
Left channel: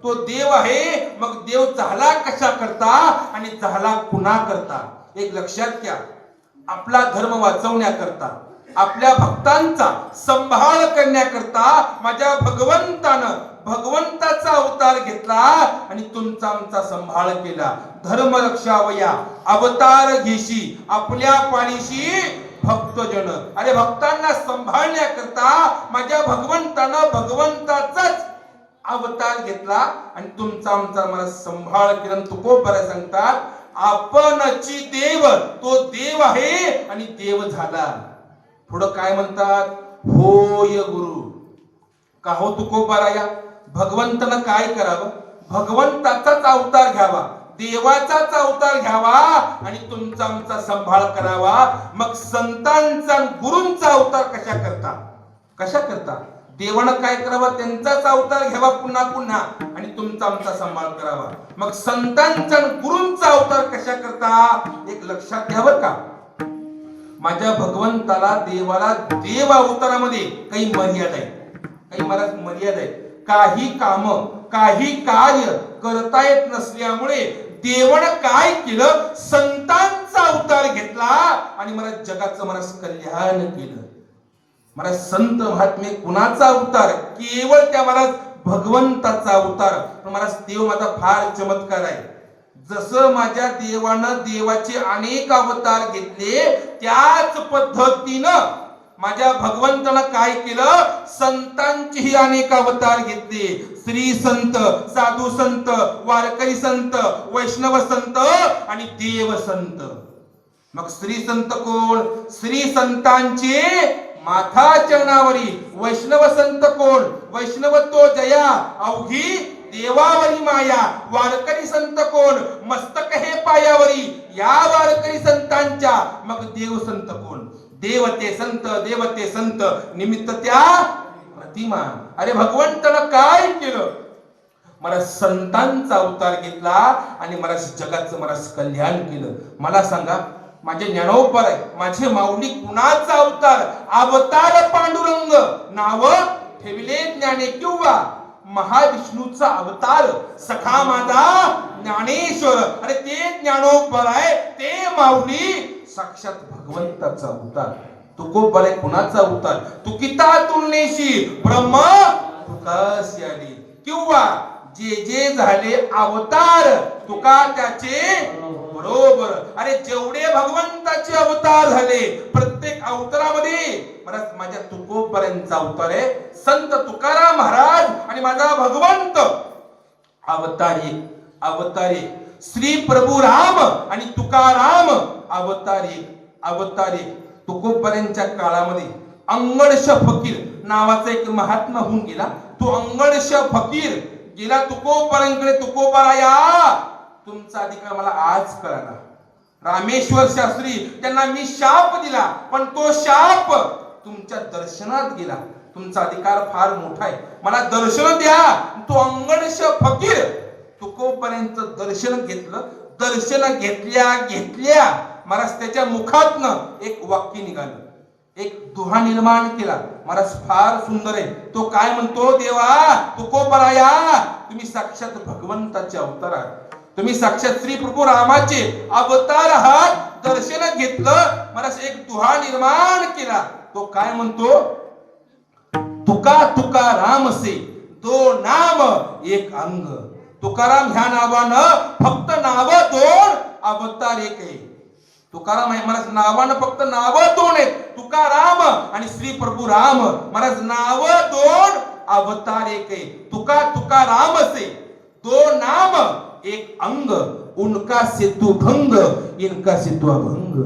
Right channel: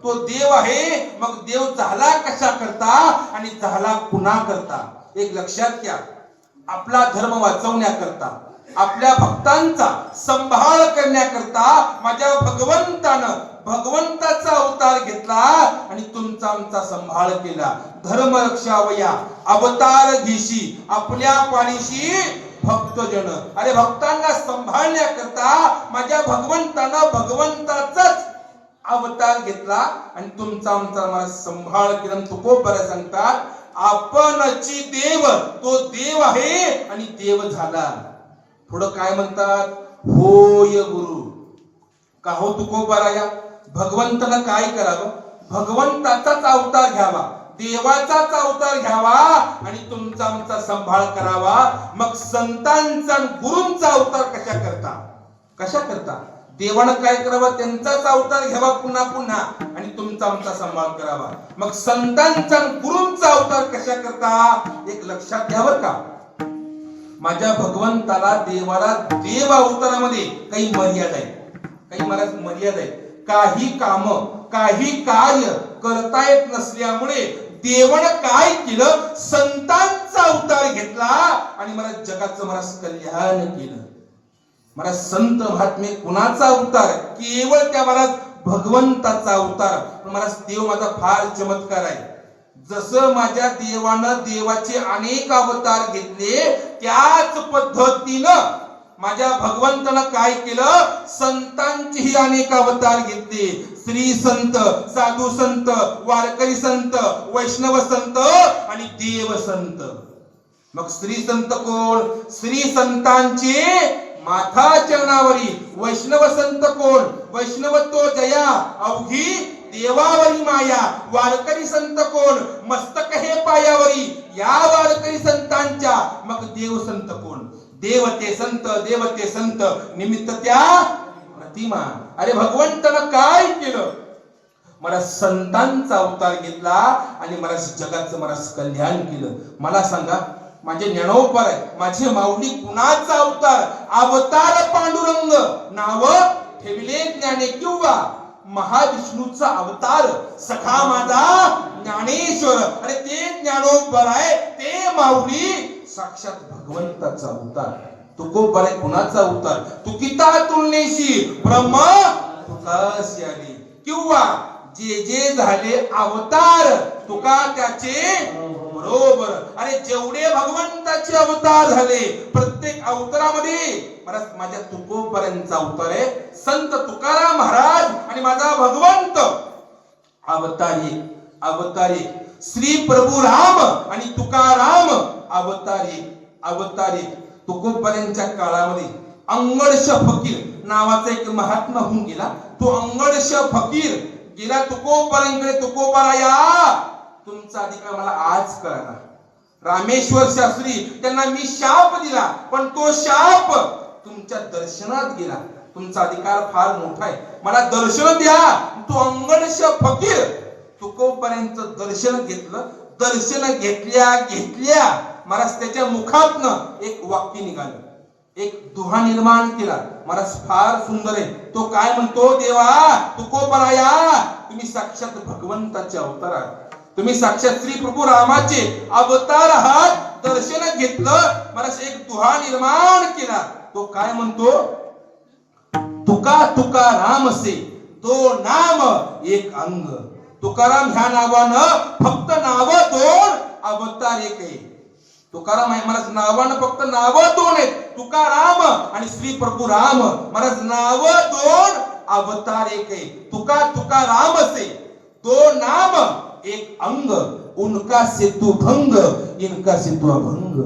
तो देव आहे, मग देव झाला कशा करता आणि झाला कुणा करता. एक लक्षात घ्या, आपला धर्म वाचवण्याकरता, आपल्या भक्तांचा संभाळ करण्याकरता माझ्या भगवंतानं भगवंताचा अवतार घेतला आणि तुमचा आमचा संभाळ केला. धर्म रक्षावया अवतार घेशी आपल्या पाणीशी भक्तजन. अरे भक्तांना सांभाळण्याकरता माझ्या भगवंतानं भगवंताचाच अवतार घेतला आणि तुमचा आमचा मला संभाळ केला. तुकोबरा सांगतात आपणची देव, तो देव आहे आणि देव झाला. थोडं काय म्हणतात, होय गुरु. का हो तुकोबाराया, भगवंतानं काय करावं, भगवंताचाच अवतार घ्यावा, देवाचाच अवतार घ्यावा आणि तुमचा आमचा सांभाळ करावा. मग संतांचा गुरूंचा अवतार कशा करता देवानं काय करावं, त्यांचाच अवतार घ्यावा पुन्हा पुन्हा आणि तुमचा आमचा सांभाळ करावा. मग संतांचा गुरूंचा अवतार कशा करता, एक लक्षात घ्यावं का. माझ्या भगवंताला, देवाला देव अवतारामध्ये काही मर्यादा आहे. काही काम, काही कार्य करता येत नसल्यामुळे देवानं काय केलं, संतांचा अवतार घेतला आणि मला जगाचं कल्याण केलं. मला संत महात्मे कुणाचा अवतार, केवळ त्या मला भगवंताचा अवतार. मला देव माझा फार चमत्कार आहे. जसं माझ्या देवानं देवाचे अनेक अवतार घेतले, त्याच पद्धतीनं माझ्या भगवंतानं काय केलं, संतांचेही अनेक अवतार घेतले. श्री संत, साधू संत, वारकरी संत, वैष्णव संत आणि देव संत. मग श्री संत कोण, श्री संतांचे माथा चरणावरी. वैष्णव संत कोण, वैष्णवत्व जया अवघी देवावरी माया. वारकरी संत कोण, मस्तक हे पायावरी. या वारकरी संतांच्या मग देव संत कोण, देवते संत निमित्त त्या प्रतिमा. अरे भगवंतानं काय केलं, मला संतांचा अवतार घेतला आणि मला जगाचं कल्याण केलं. मला सांगा, माझे ज्ञानोबा आहे, माझे माऊली कुणाचा अवतार, अवतार पांडुरंग नाव ठेविले ज्ञाने किंवा महाविष्णूचा अवतार सखा माझा ज्ञानेश्वर. अरे ते ज्ञानोबा आहे, ते माऊली साक्षात भगवंताचा अवतार. तुकोबा आहे कुणाचा अवतार, तुकिता तुलनेशी ब्रह्म तुकासी आली. किंवा जे झाले अवतार तुका त्याचे बरोबर. अरे जेवढे भगवंताचे अवतार झाले, प्रत्येक अवतारामध्ये माझ्या तुकोबारांचा अवतार आहे. संत तुकाराम महाराज आणि माझा भगवंत अवतारी. श्री प्रभू राम आणि तुकाराम अवतारी. तुकोबारांच्या काळामध्ये अंगडश फकीर नावाचा एक महात्मा होऊन गेला. तो अंगडश फकीर गेला तुकोबारांकडे. तुकोबाराया, तुमचा अधिकार मला आज कळाला. रामेश्वर शास्त्री त्यांना मी शाप दिला, पण तो शाप तुमच्या दर्शनात गेला. तुमचा अधिकार फार मोठा आहे, मला दर्शन द्या. तो अंगडश फकीर तुकोबारांचं दर्शन घेतलं. दर्शन घेतल्या महाराज त्याच्या मुखातनं एक वाक्य निघालं, एक दुहा निर्माण केला. महाराज फार सुंदर आहे. तो काय म्हणतो, देवा तुकोबाराया, तुम्ही साक्षात भगवंताचे अवतार आहात, तुम्ही साक्षात श्री प्रभू रामाचे अवतार आहात. दर्शन घेतलं, महाराज एक दुहा निर्माण केला. तो काय म्हणतो, तुका राम से दो नाम एक अंग. तुकाराम ह्या नावानं फक्त नाव दोन, अवतार एक आहे. तुकाराम आहे महाराज, नावानं फक्त नाव दोन आहेत, तुकाराम आणि श्री प्रभू राम. महाराज नाव दोन, अवतार एक आहे. तुका राम से दो नाम एक अंग, उनका सेतु भंग, इनका सेतु अभंग.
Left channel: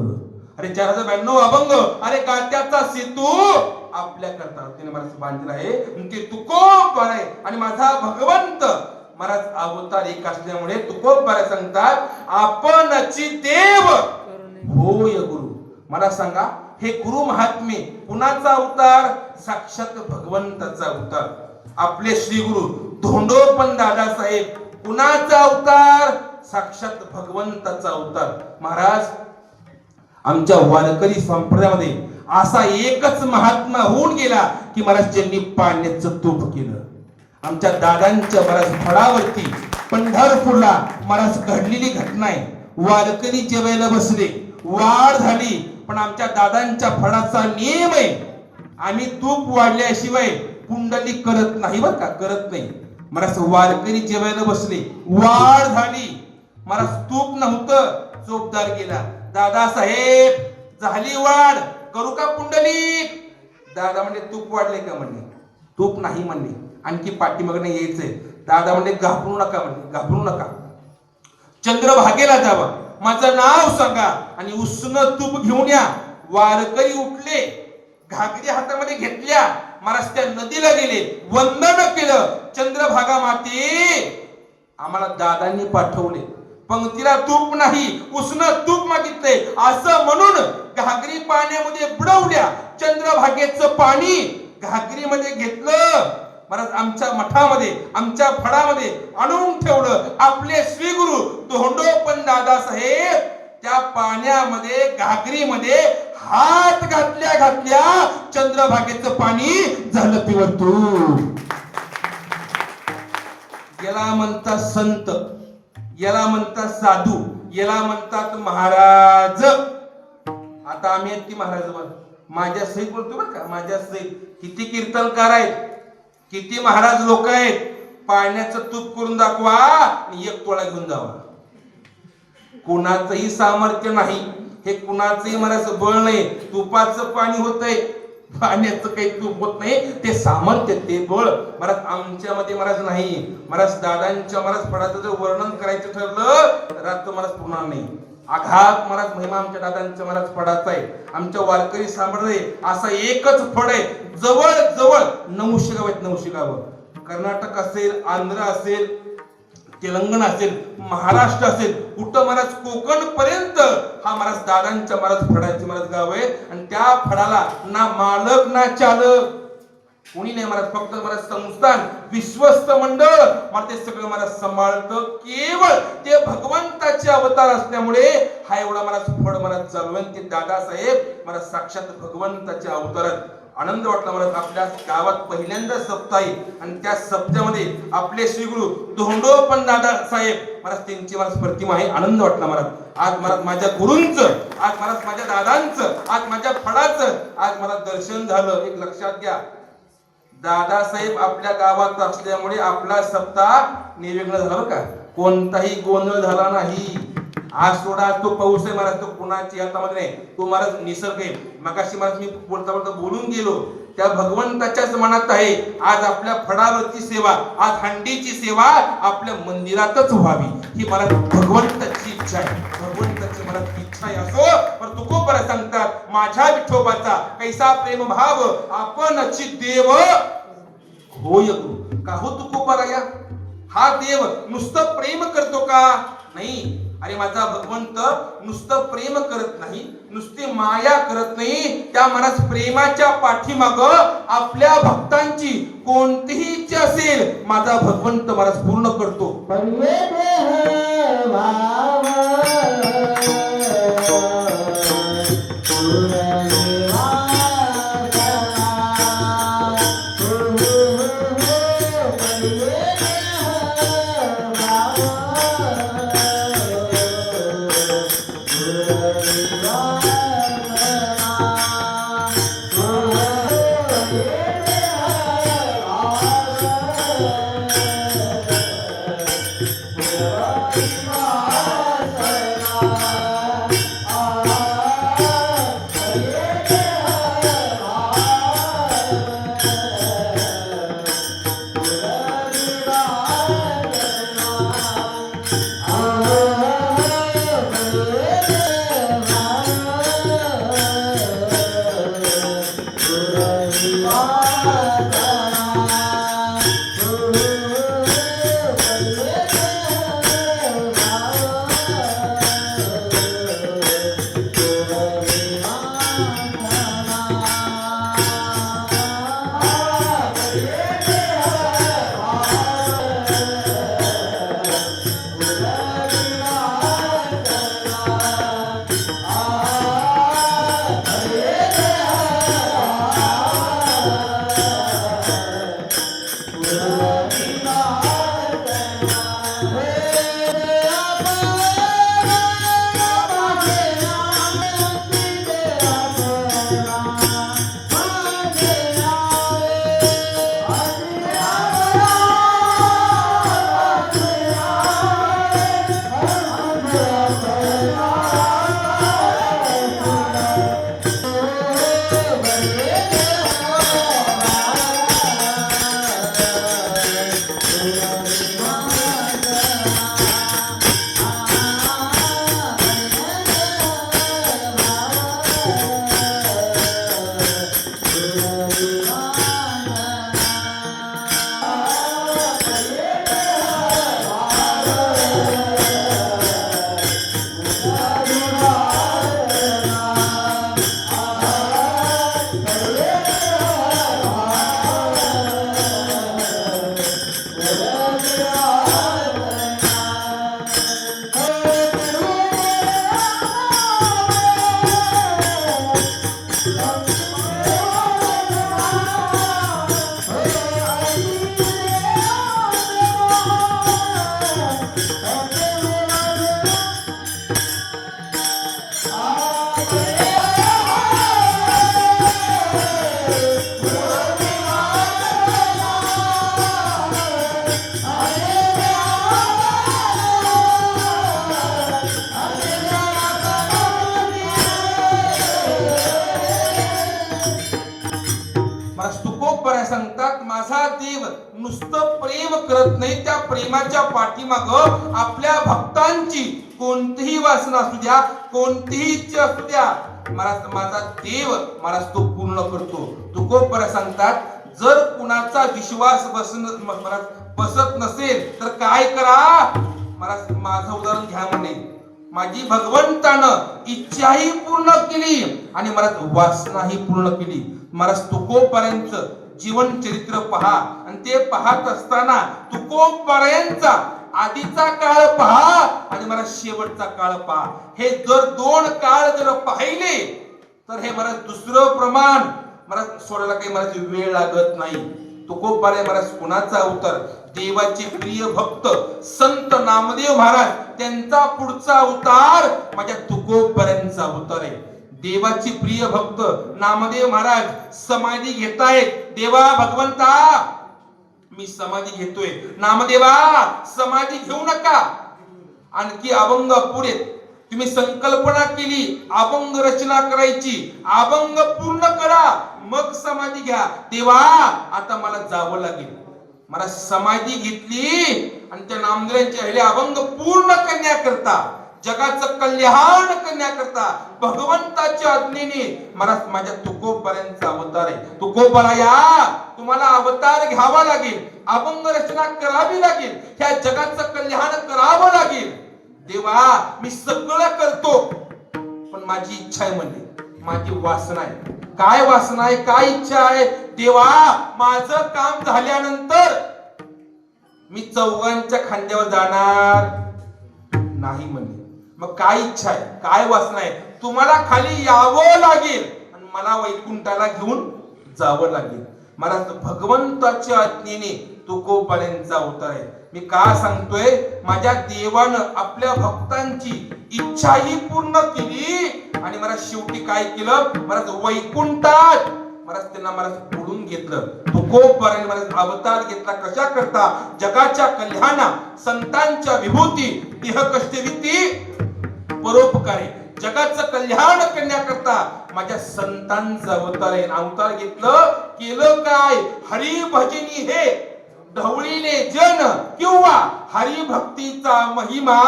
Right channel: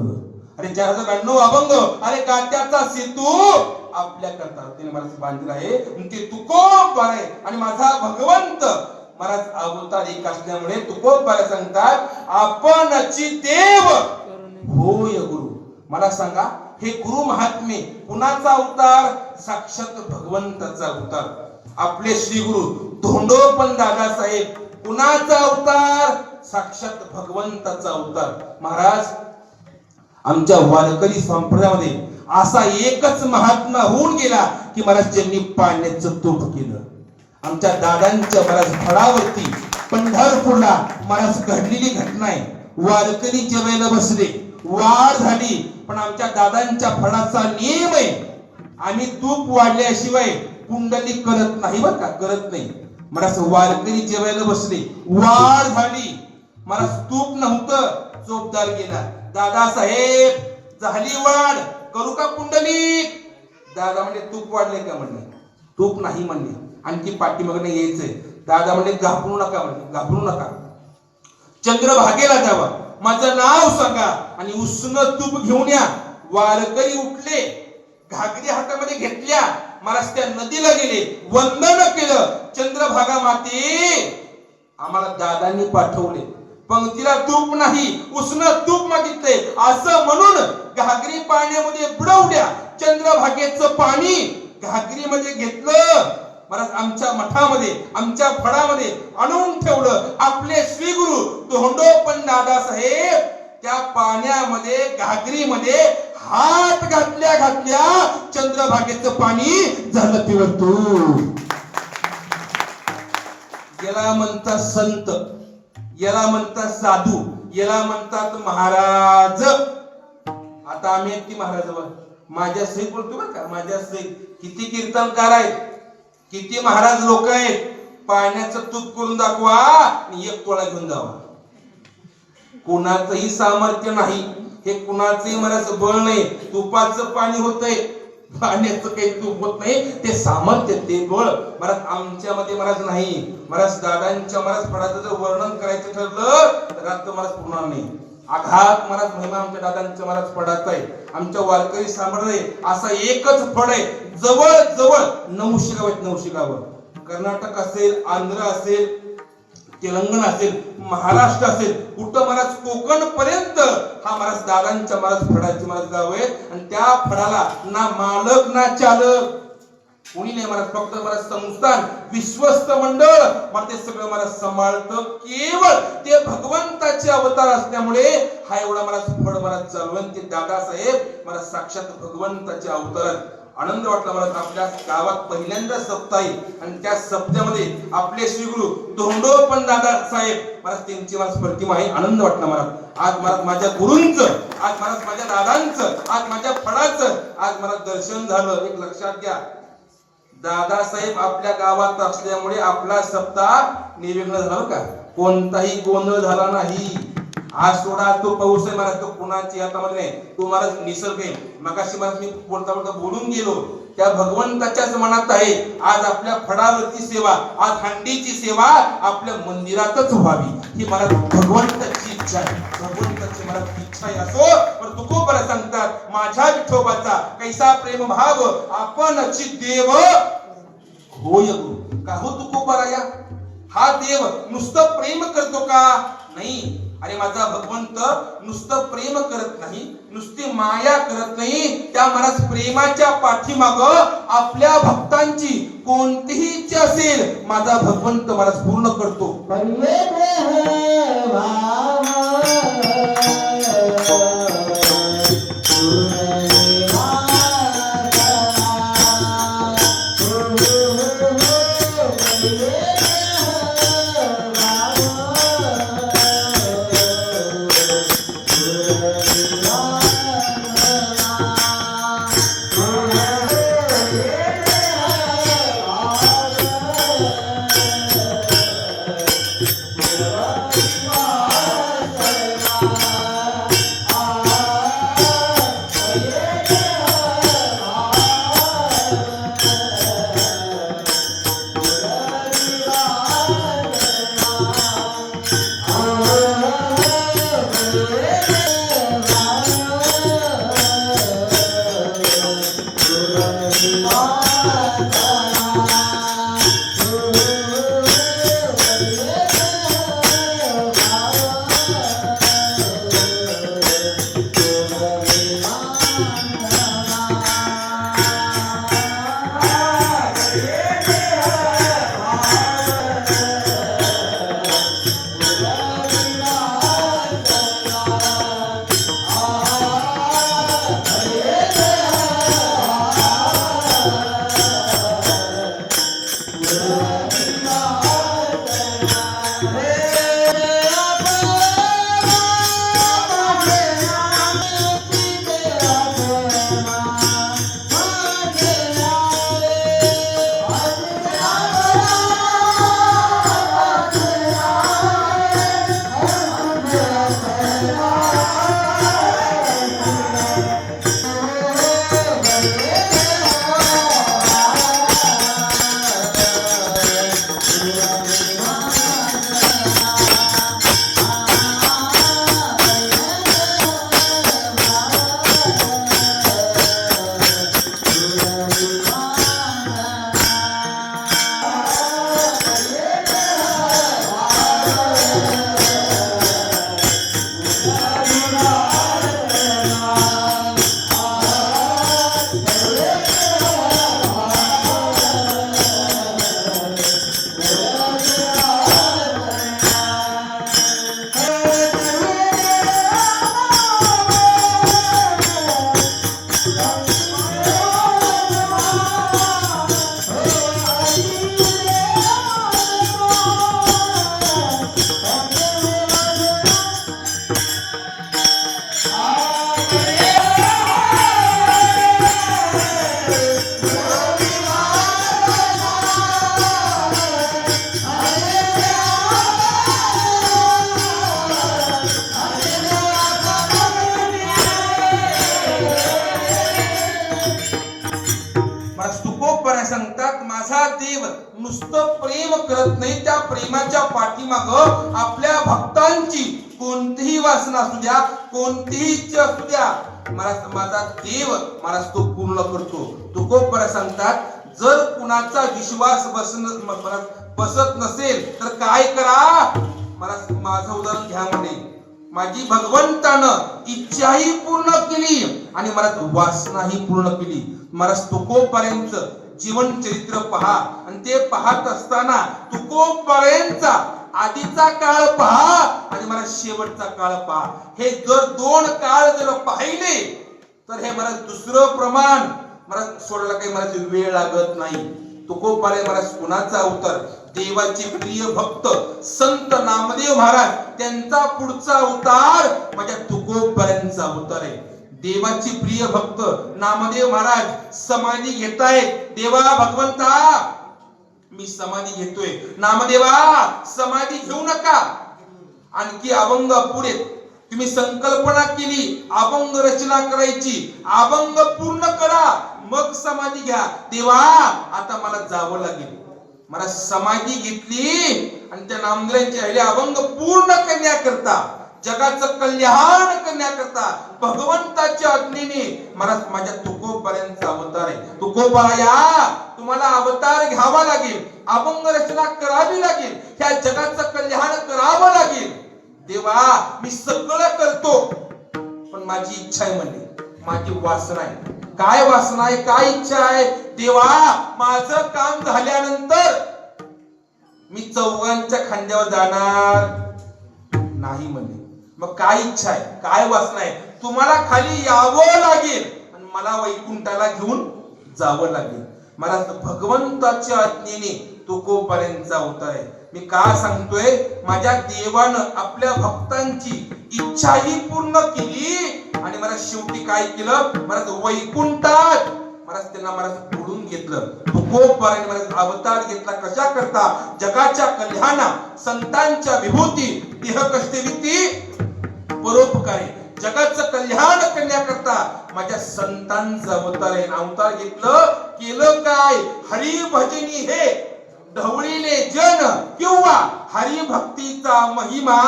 अरे 4092 अभंग, अरे गात्याचा सेतू आपल्या करता त्याने महाराज बांधलेला आहे. ते तुकोबार आहे आणि माझा भगवंत महाराज अवतार एक असल्यामुळे तुकोबार सांगतात, आपणची देव होय गुरु. मला सांगा, हे गुरु महात्मे कुणाचा अवतार, साक्षात भगवंताचा अवतार. आपले श्री गुरु धोंडोपंत दादासाहेब कुणाचा अवतार, साक्षात भगवंताचा अवतार. महाराज, आमच्या वारकरी संप्रदायामध्ये असा एकच महात्मा होऊन गेला की महाराज ज्यांनी पाण्याचं तोफ केलं. आमच्या दादांच्या महाराज फळावरती पंढरपूरला महाराज घडलेली घटना आहे. वारकरी जेवायला बसले, वाढ झाली, पण आमच्या दादांच्या फळाचा नियम आहे, आम्ही तूप वाढल्याशिवाय कुंडली करत नाही, बरं का, करत नाही. महाराज वारकरी जेवायला बसले, वाढ झाली, महाराज तूप नव्हतं, चोपदार गेला. दादासाहेब झाली वाढ, करू का कुंडली? दादा म्हणले तूप वाढले का? म्हणले तूप नाही म्हणले, आणखी पाठीमागणे यायचंय. दादा म्हणले घाबरू नका, म्हणले घाबरू नका, चंद्रभागेला जावा. माझं नाव सांगा आणि उष्ण तूप घेऊन या. वारकरी उठले, घागरी हातामध्ये घेतल्या, महाराज त्या नदीला गेले, वंदन केलं. चंद्रभागा माते, आम्हाला दादांनी पाठवले, पंक्तीला तूप नाही उष्ण तूप मागितले असं म्हणून घागरी पाण्यामध्ये बुडवल्या. चंद्रभागेचं पाणी घागरीमध्ये घेतलं, महाराज आमच्या मठामध्ये आमच्या फडामध्ये आणून ठेवलं. आपले श्री गुरु धोंडोपंत दादासाहेब त्या पाण्यामध्ये घागरीमध्ये हात घातल्या चंद्रभागेचं पाणी झालं प्युअर तूप. याला म्हणतात संत, याला म्हणतात साधू, याला म्हणतात महाराज. आता आम्ही ती महाराजावर माझ्या सहित बोलतो बरं का, माझ्या सहित किती कीर्तनकार आहेत, किती महाराज लोक आहेत. पाण्याचं तूप करून दाखवा आणि एक तोळा घेऊन जावा. कुणाचंही सामर्थ्य नाही, हे कुणाचंही महाराज बळ नाही. तुपाचं पाणी होतंय, पाण्याचं काही तूप होत नाही. ते सामर्थ्य, ते बळ महाराज आमच्यामध्ये महाराज नाही. महाराज दादांच्या महाराज फडाचं जर वर्णन करायचं ठरलं तर आता महाराज पुन्हा नाही. आघात महाराज महिमा आमच्या दादांच्या महाराज फडाचा आहे. आमच्या वारकरी सांभाळले असा एकच फड आहे. जवळ जवळ 900 गाव आहेत, 900 गाव. कर्नाटक असेल, आंध्र असेल, तेलंगणा असेल, महाराष्ट्र असेल, कुठं महाराज कोकण पर्यंत हा महाराज दादांच्या महाराज फडाचे महाराज गाव आहे. आणि त्या फडाला ना मालक ना चालक कोणी नाही महाराज, फक्त महाराज संस्थान विश्वस्त मंडळ मला ते सगळं महाराज सांभाळतं. केवळ ते भगवंताचे अवतार असल्यामुळे हा एवढा महाराज फड महाराज चालवण ते दादासाहेब महाराज साक्षात भगवंताचे अवतार आहेत. आनंद वाटला मला. आपल्या गावात पहिल्यांदा सप्ताह आहे आणि त्या सप्त्यामध्ये आपले श्री गुरु धोंडोपंत दादा साहेब महाराज त्यांची महाराज प्रतिमा आहे. आनंद वाटला मला. आज महाराज माझ्या गुरूंचं, आज महाराज माझ्या दादांचं, आज माझ्या फडाचं आज मला दर्शन झालं. एक लक्षात घ्या, दादासाहेब आपल्या गावात असल्यामुळे आपला सप्ताह निर्विघ्न झाला का, कोणताही गोंधळ झाला नाही. आज थोडा तो पाऊस आहे महाराज, तो कुणाची हातामध्ये नाही, तो महाराज निसर्ग आहे. मगाशी महाराज मी बोलता बोलता बोलून गेलो, त्या भगवंताच्याच मनात आहे. आज आपल्या फडावरची सेवा, आज हंडीची सेवा आपल्या मंदिरातच व्हावी ही महाराज भगवंताची इच्छा आहे. भगवंताची महाराज इच्छा आहे. असो पण तू खूप बरं सांगतात, माझ्या विठोबाचा कैसा प्रेम भाव आपणची देव होय गुरु. का हो तू खूप बरा या, हा देव नुसतं प्रेम करतो का? नाही. अरे माझा भगवंत नुसतं प्रेम करत नाही, नुसती माया करत नाही. त्या महाराज प्रेमाच्या पाठीमाग आपल्या भक्तांची कोणतीही इच्छा असेल माझा भगवंत महाराज पूर्ण करतो. तुकोबराय सांगतात माझा देव नुसतं प्रेम करत नाही, त्या प्रेमाच्या पाठीमाग आपल्या भक्तांची कोणतीही वासना असू द्या, कोणतीही इच्छा असू द्या, माझा देव मला तो पूर्ण करतो. तुकोबराय सांगतात जर कुणाचा विश्वास बसत नसेल तर काय करा. माझं उदाहरण घ्या म्हणे, माझी भगवंतानं इच्छाही पूर्ण केली आणि मला वासनाही पूर्ण केली. मला तुकोबरायांचं जीवन चरित्र पहा आणि ते पाहत असताना तुकोबरायांचा आधीचा काळ पहा आणि मला शेवटचा काळ पहा. हे जर दोन काळ जर पाहिले तर हे मला दुसरं प्रमाण मला सोडायला काही मला वेळ लागत नाही. तुकोबराय मला कुणाचा अवतार, देवाचे प्रिय भक्त संत नामदेव महाराज त्यांचा पुढचा अवतार माझ्या तुकोबरायांचा अवतार आहे. देवाची प्रिय भक्त नामदेव महाराज समाधी घेतायत. देवा भगवंता मी समाधी घेतोय. नामदेवा समाधी घेऊ नका, आणखी अभंग पुढे तुम्ही संकल्पना केली अभंग रचना करायची, अभंग पूर्ण करा मग समाधी घ्या. देवा आता मला जावं लागेल. मला समाधी घेतली आणि त्या नामदेवांच्या अभंग पूर्ण करण्याकरता, जगाचं कल्याण करण्याकरता भगवंताच्या आज्ञेने मला माझ्या तुकोबरायांचा अवतार आहे. तुकोबराया तुम्हाला अवतार घ्यावा लागेल, अभंग रचना करावी लागेल, ह्या जगाचं कल्याण करावं लागेल. देवा मी सगळं करतो पण माझी इच्छा आहे म्हणले, माझी वासना आहे. काय वासना आहे, काय इच्छा आहे. देवा माझं काम झाल्यानंतर मी चौघांच्या खांद्यावर जाणार नाही म्हणले. मग काय इच्छा आहे, काय वासना आहे. तुम्हाला खाली यावं लागेल आणि मला वैकुंठाला घेऊन जावं लागेल. मला भगवंताच्या आज्ञेने तुकोबरायांचा अवतार आहे. मी का सांगतोय, माझ्या देवानं आपल्या भक्तांची इच्छाही पूर्ण केली आणि मला शेवटी काय केलं, मला वैकुंठात मला पुढून घेतलं. तुकोबरायांनी मला अवतार घेतला कशा करता, जगाच्या कल्याणा, संतांच्या विभूती, देह कष्टविती परोपकारी, जगाचं कल्याण करण्याकरता माझ्या संतांचा अवतार आहे. अवतार घेतलं, केलं काय, हरिभजनी हे ढवळीले जन किंवा हरिभक्तीचा महिमा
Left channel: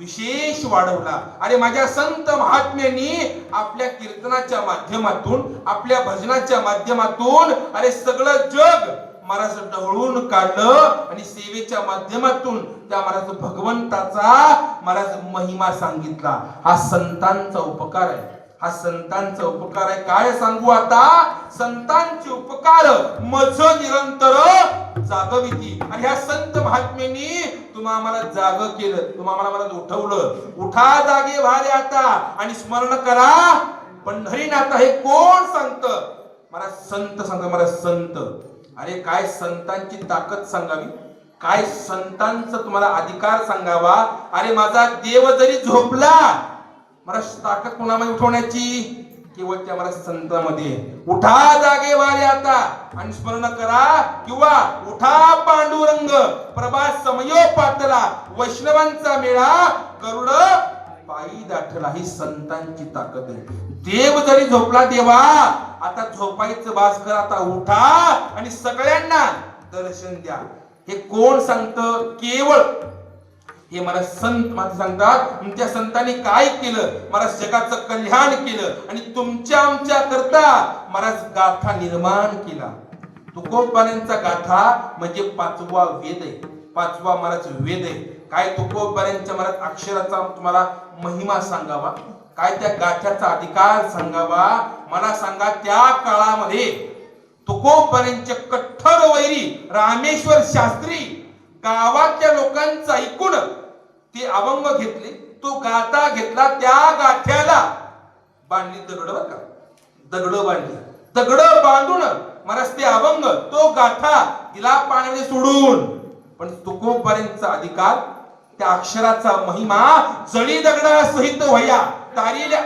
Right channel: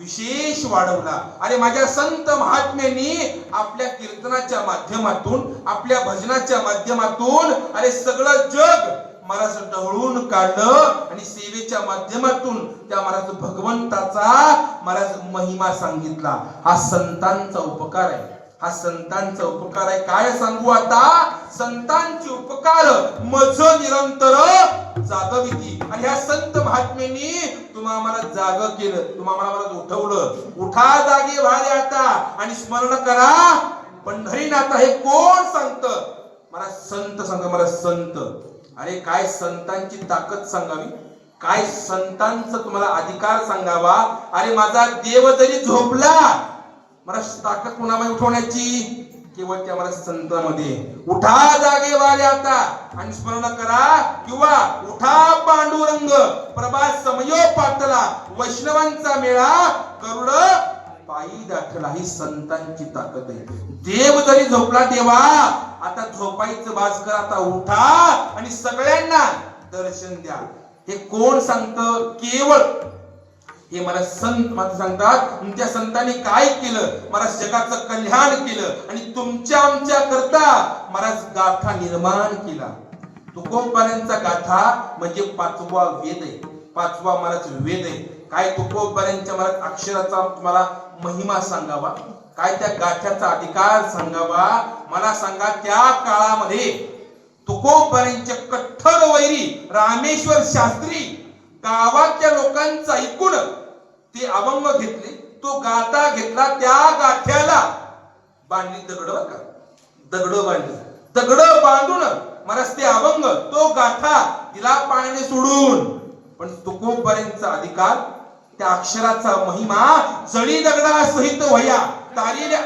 विशेष वाढवला. आणि माझ्या संत महात्म्यांनी आपल्या कीर्तनाच्या माध्यमातून, आपल्या भजनाच्या माध्यमातून अरे सगळं जग महाराज ढवळून काढलं आणि सेवेच्या माध्यमातून त्या महाराज भगवंताचा महाराज महिमा सांगितला. हा संतांचा उपकार आहे, हा संतांचा उपकार आहे. काय सांगू आता, संतांचे उपकार मज निरंतर जागविती. आणि ह्या संत महात्म्यांनी तुम्हा आम्हाला जाग केलं, तुम्हा आम्हाला उठवलं. उठा जागे व्हाले आता आणि स्मरण करा पंढरीनाथ. हे कोण सांगत, मला संत सांगत, मला संत. अरे काय संतांची ताकद सांगावी, काय संतांचा तुम्हाला अधिकार सांगावा. अरे माझा देव जरी झोपला, मला ताकद कोणामध्ये उठवण्याची, केवळ त्या मला संतांमध्ये. उठा जागे वाले आता आणि स्मरण करा, किंवा उठा पांडुरंग प्रभास समयो पातला, वैष्णवांचा मेळा गरुड पायी दाटला. ही संतांची ताकद आहे. देव जरी झोपला, देवा आता झोपायचं बास कर, आता उठा आणि सगळ्यांना दर्शन द्या. हे कोण सांगतं, केवळ हे मला संत मला सांगतात. त्या संतांनी काय केलं, मला जगाचं कल्याण केलं आणि तुमच्या आमच्या करता मला गाथा निर्माण केला. तुकोबरायांचा गाथा म्हणजे पाचवा वेद आहे, पाचवा मला वेद आहे. काय तुकोबरायांच्या मला अक्षराचा तुम्हाला महिमा सांगावा, काय त्या गाथ्याचा अधिकार सांगावा. मला सांगा, त्या काळामध्ये तुकोबरायांचे कठोर वैरी रामेश्वर शास्त्री गावाच्या लोकांचा ऐकून ते अभंग घेतले, तो गाथा घेतला. त्या गाठ्याला बांधली दगड बांधली, दगड बांधून मला ते अभंग, तो गाठा तिला पाण्याने सोडून. पण तुकोबरायांचा अधिकार, त्या अक्षराचा महिमा जळी दगडा सहित व्हाया तारील्या.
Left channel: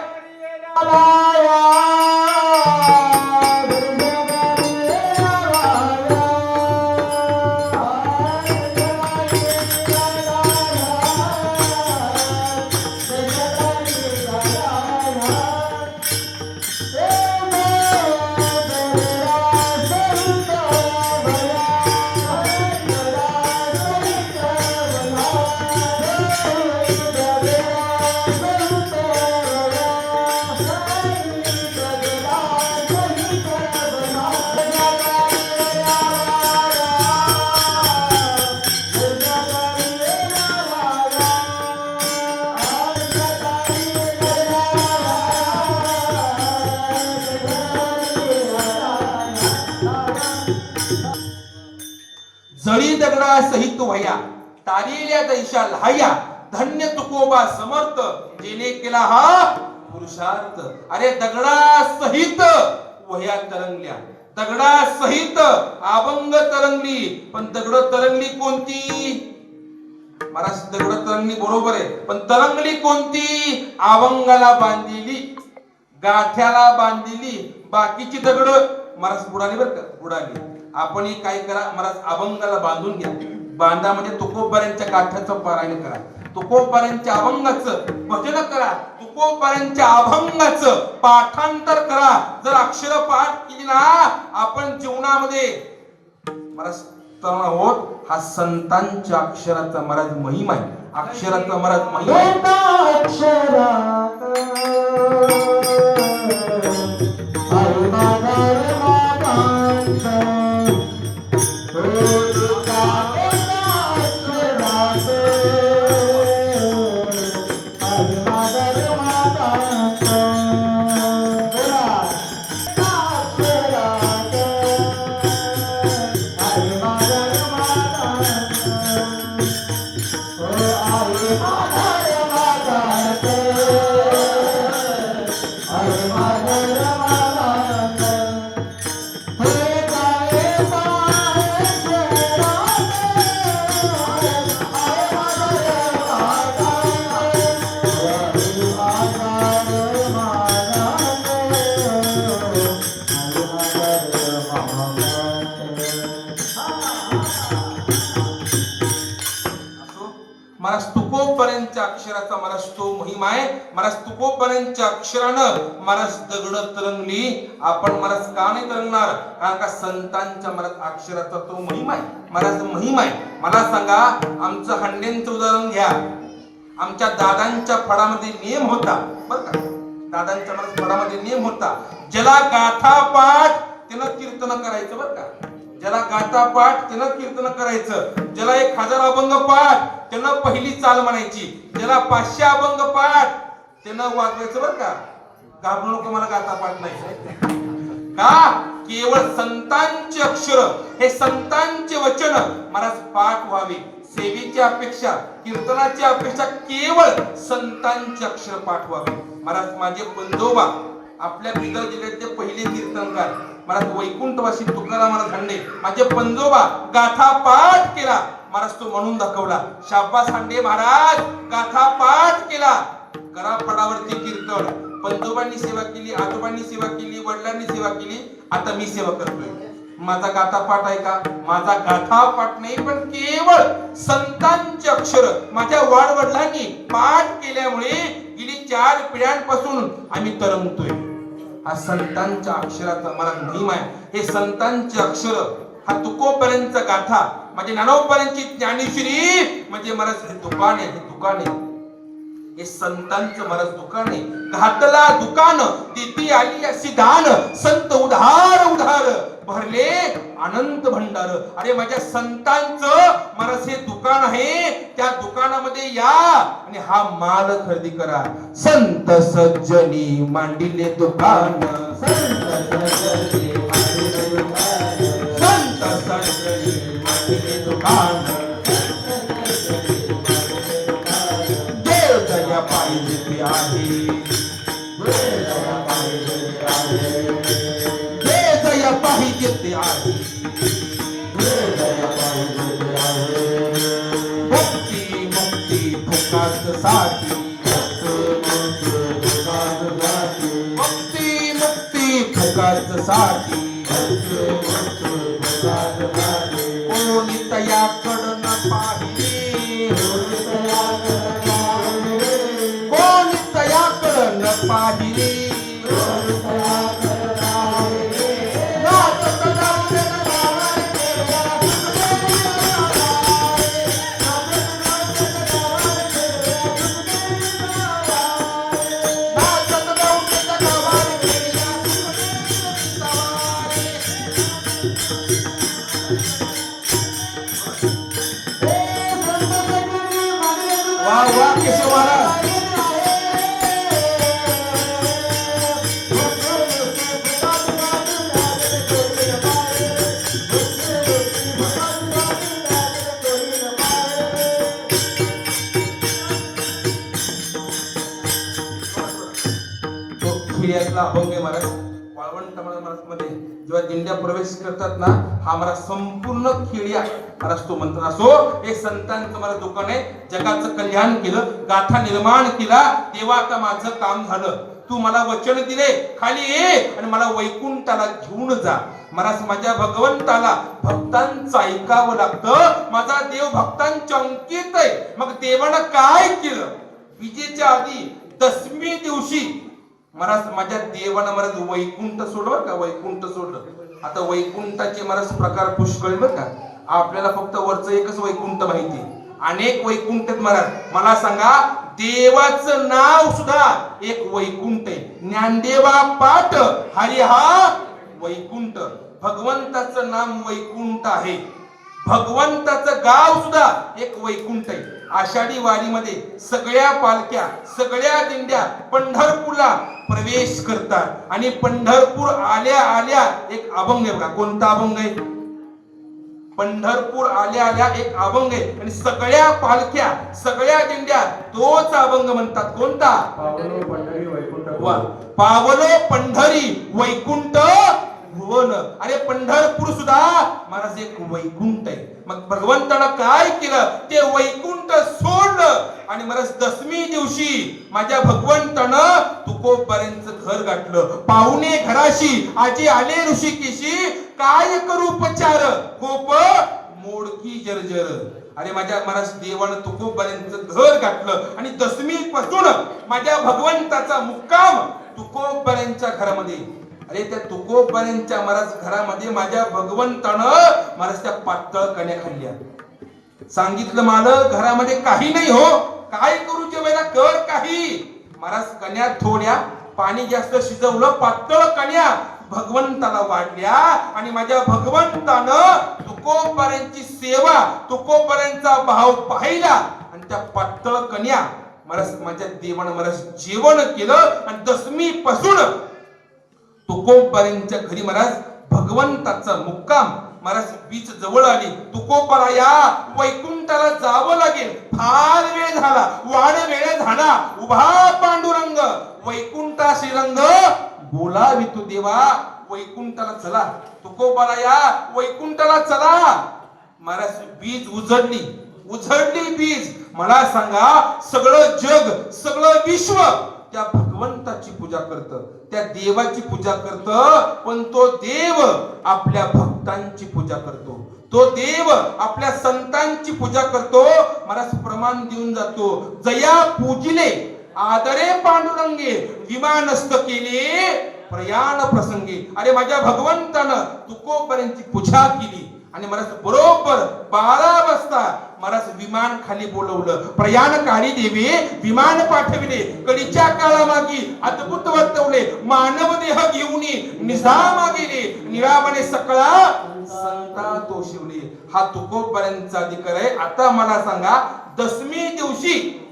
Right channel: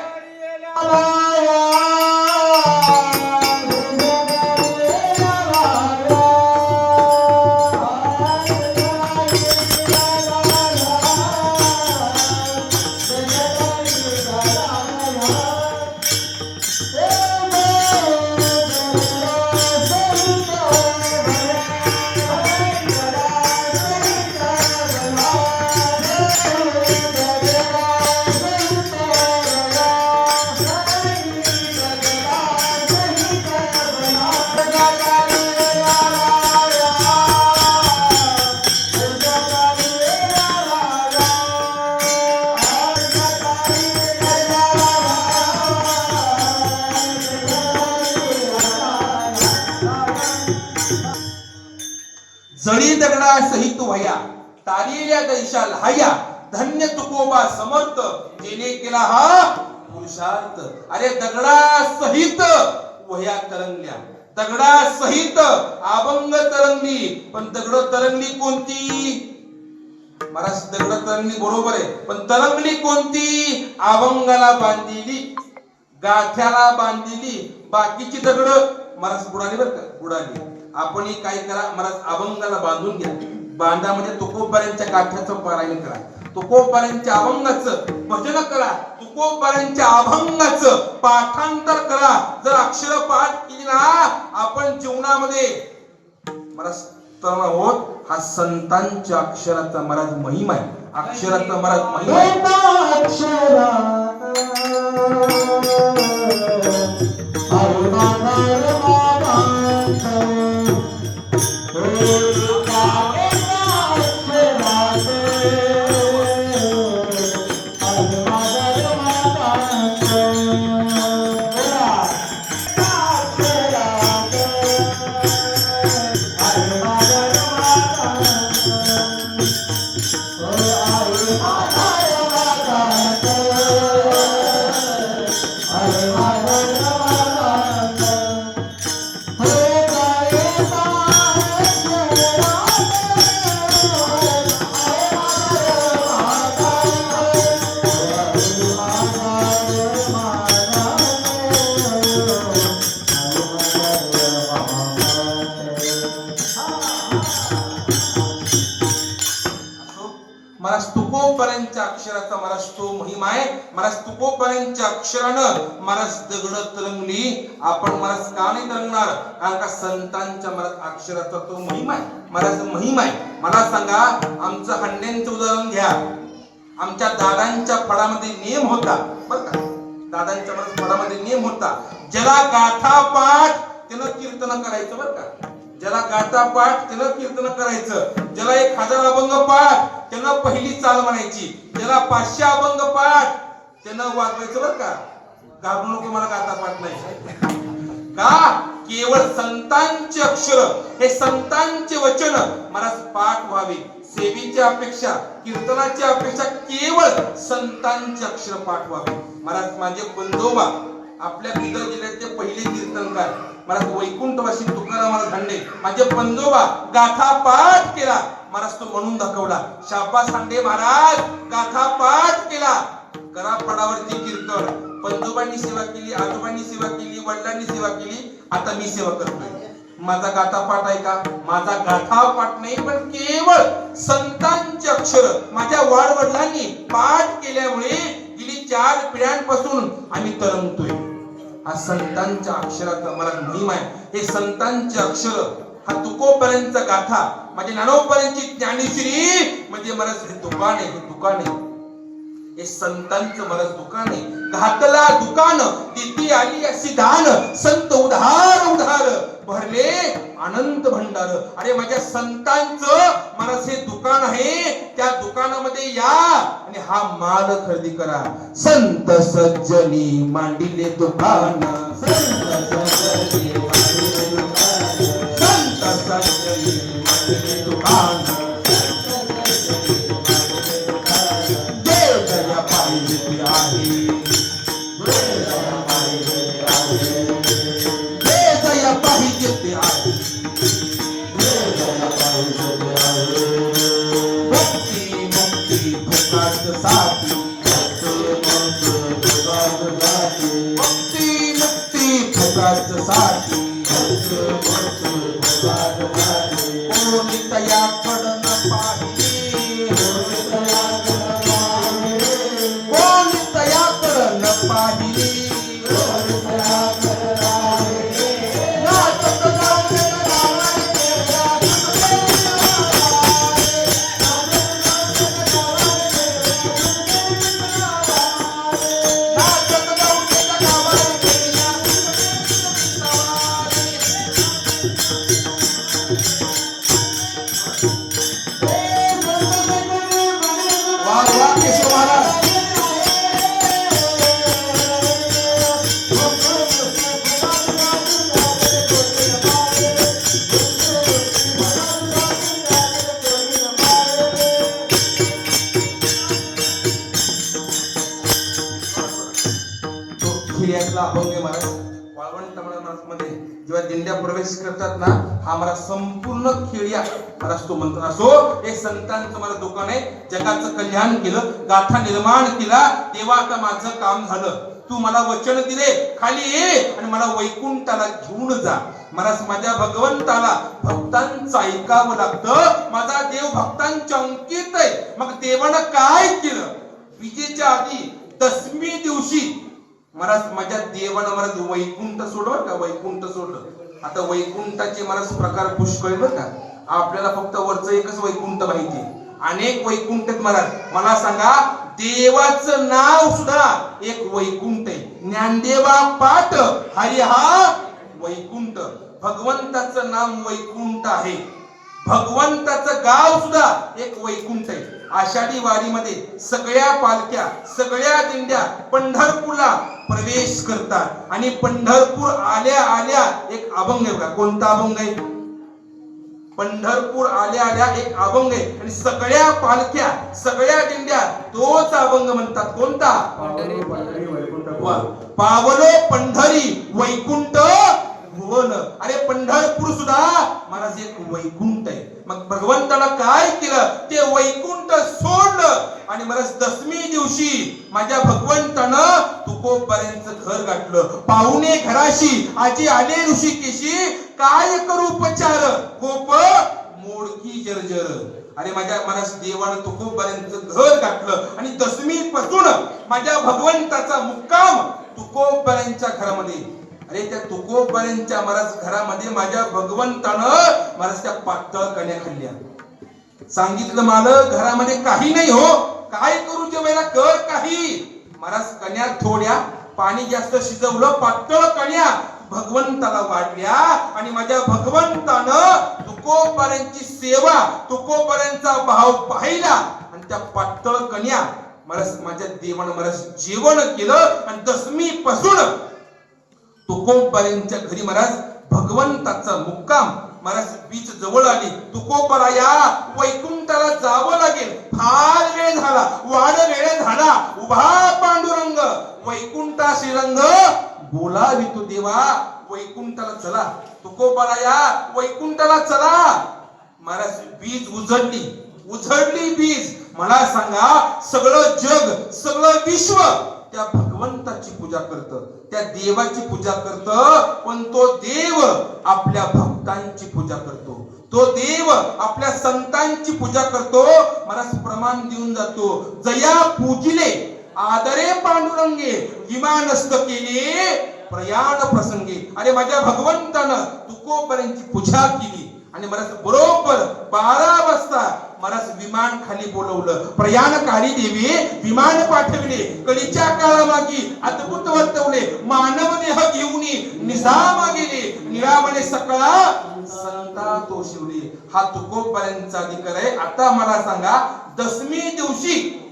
जळी दगडा सहित वया तारिल्या दैशा लहाया धन्य तुकोबा समर्थ जेने केला हा पुरुषार्थ. अरे दगडा सहित वह्या तरंगल्या, दगडा सहित अभंग तरंगली. पण दगड तरंगली कोणती? महाराज दगड तरंगली बरोबर आहे, पण तरंगली कोणती? अभंगाला बांधलेली, गाठ्याला बांधलेली. बाकीची दगड महाराज बुडाली बरं का, बुडाली. आपण काय करा महाराज, अभंगाला बांधून घ्या. बांधामध्ये तुकोबारांच्या गाठ्याचं पारायण करा, तुकोबारांच्या अभंगाचं भजन करा, तुकोबारांच्या अभंगाचं पाठांतर करा. जर अक्षर पाठ केली ना आपण जीवनामध्ये महाराज तरुण आहोत. हा संतांच्या अक्षराचा महाराज महिमा आहे, अक्षराचा महाराज महिमा महाराज. तुकोबारांच्या अक्षराचा महाराज तो महिमा आहे. महाराज तुकोबारांच्या अक्षरानं महाराज दगड तरंगली. आपण महाराज का नाही तरंगणार? कारण का संतांच्या महाराज अक्षराचा तो महिमा आहे, महाराज महिमा आहे. मला सांगा, आमचं हंड्यांचं उदाहरण घ्या. आमच्या दादांच्या फळामध्ये नियम होता बरं का, दादांच्या फळामध्ये नियम होता, ज्याला गाथा पाठ त्यानं कीर्तन करायचं बरं का, ज्याला गाथा पाठ त्यानं कीर्तन करायचं, ज्याला 1000 अभंग पाठ त्यानं पहिली चाल म्हणायची, ज्याला 500 अभंग पाठ त्यानं वाजवायचं बरं का. घाबरू नको, मला गाथा पाठ नाही का. केवळ संतांचे अक्षर, हे संतांचे वचन महाराज पाठ व्हावे. सेवेची अपेक्षा, कीर्तनाची अपेक्षा केवळ संतांचे अक्षर पाठ व्हावे. महाराज माझे बंधोबा आपल्या बिदर जिल्ह्याचे पहिले कीर्तनकार महाराज वैकुंठवासी तुकाराम महाराज हांडे, माझे बंधोबा गाथा पाठ केला महाराज, तो म्हणून दाखवला. शाबास हांडे महाराज, गाथा पाठ केला. करापडावरती कीर्तन, बंधोबांनी सेवा केली, आजोबांनी सेवा केली, वडिलांनी सेवा केली, आता मी सेवा करतोय. माझा गाथा पाठ आहे का? माझा गाथा पाठ नाही, पण केवळ संतांचे अक्षर माझ्या वाडवडिलांनी पाठ केल्यामुळे गेली 4 पिढ्यांपासून आम्ही तरंगतोय. हा संतांच्या अक्षराचा मला महिमा आहे. हे संतांचे अक्षर, हा तुकोबारांचा गाथा, माझे ज्ञानोबारांची ज्ञानेश्वरी म्हणजे मला हे दुकान आहे, हे दुकान आहे, हे संतांचं महाराज दुकान आहे. घातला दुकान तिथे आली अशी दान, संत उधार उधार भरले अनंत भंडार. अरे माझ्या संतांचं महाराज हे दुकान आहे, त्या दुकानामध्ये या आणि हा माल खरेदी करा. संत सज्जनी मांडिले दुकान, संत सज्जनी मांडिले दुकान, संत सज्जनी मांडिले दुकान. पाहिले प्रवेश करतात ना, हा मला संपूर्ण खेळ्या मला तो म्हणतो असो. एक संतांचं मला दुकान आहे, जगाचं कल्याण केलं, गाथा निर्माण केला. तेव्हा आता माझं काम झालं. तू मला वचन दिले, खाली ये आणि मला वैकुंठाला घेऊन जा. मला माझ्या भगवंताला भक्तांचं ऐकावं लागतं. माझा देव भक्तांच्या अंकित आहे. मग देवानं काय केलं? विजेच्या आधी दशमी दिवशी मला माझ्या देवानं मला वैकुंठ सोडलं का, वैकुंठ सोडलं. आता वैकुंठाचे मला प्रकार पुष्कळ बरं का. आपल्याला फक्त वरचं एकच वैकुंठ माहिती, अनेक वैकुंठ आहेत महाराज. मला सांगा, देवाचं नाव सुद्धा एक वैकुंठ आहे. ज्ञानदेवा पाठ हरी हा वैकुंठ. भगवंताचं नाम वैकुंठ आहे. भगवंताचं गाव सुद्धा एक वैकुंठ आहे. आषाढी वारीमध्ये सगळ्या पालख्या, सगळ्या दिंड्या पंढरपूरला प्रवेश करतात आणि पंढरपूर आल्या आल्या एक अभंग आहे बघा. कोणता अभंग आहे? पंढरपूर आल्या आल्या एक अभंग आहे आणि सगळ्या पालख्या, सगळ्या दिंड्या तोच अभंग म्हणतात. कोणता? पावलो पंढरी वैकुंठ भुवन. अरे पंढरपूर सुद्धा महाराज एक वैकुंठ आहे. मग भगवंताला काय केलं? ते वैकुंठ सोडलं आणि महाराज दशमी दिवशी माझ्या भगवंतानं तुकोबारांचं घर गाठलं. पाहुणे घराशी आजी आले ऋषिकेशी, काय करू उपचार कोप मोडकी जर्जर. अरे माझ्या महाराज देवानं तुकोबारांचं घर गाठलं आणि दशमी पासून माझ्या भगवंताचा मुक्काम तुकोबारांच्या घरामध्ये. अरे त्या तुकोबारांच्या महाराज घरामध्ये माझ्या भगवंतानं महाराज त्या पातळ कण्या खाल्ल्या. सांगितलं मालक घरामध्ये काही नाही हो, काय करू जेवायला, कर काही. महाराज कण्या थोड्या, पाणी जास्त शिजवलं, पातळ कण्या भगवंताला वाढल्या आणि माझ्या भगवंतानं तुकोबारांची सेवा, तुकोबारांचा भाव पाहिला आणि त्या पातळ कण्या महाराज माझ्या देवानं महाराज जेवण केलं आणि दशमी पासून तुकोबारांच्या घरी महाराज भगवंताचा मुक्काम. महाराज बीच जवळ आली. तुकोबारा या वैकुंठाला जावं लागेल, फार वेळ झाला, वाढ वेळ झाला. उभा पांडुरंग वैकुंठा श्रीरंग, बोलावी तू देवा वैकुंठाला चला. तुकोबारा या वैकुंठाला चला. महाराज बीज उजळली, उजळली बीज. मला सांगा, सगळं जग, सगळं विश्व त्या भगवंताची पूजा करतं, त्या देवाची पूजा करतं. पण तो देव आपल्या भक्तांची पूजा करतो, तो देव आपल्या संतांची पूजा करतो. महाराज प्रमाण देऊन जातो. जया पूजिले आदरे पांडुरंगे, विमानस्थ केले प्रयाण प्रसंगी. अरे माझ्या भगवंतानं तुकोबारांची पूजा केली आणि महाराज बरोबर 12 वाजता महाराज विमान खाली बोलवलं. प्रयाण काळी देवी विमान पाठविले, कडीच्या काळामागी अद्भुत वर्तवले. मानव देह घेऊन निजामा गेले, निळावणे सकळा संता तो शिवले. हा तुकोबारांचा अधिकार आहे. आता मला सांगा, दशमी दिवशी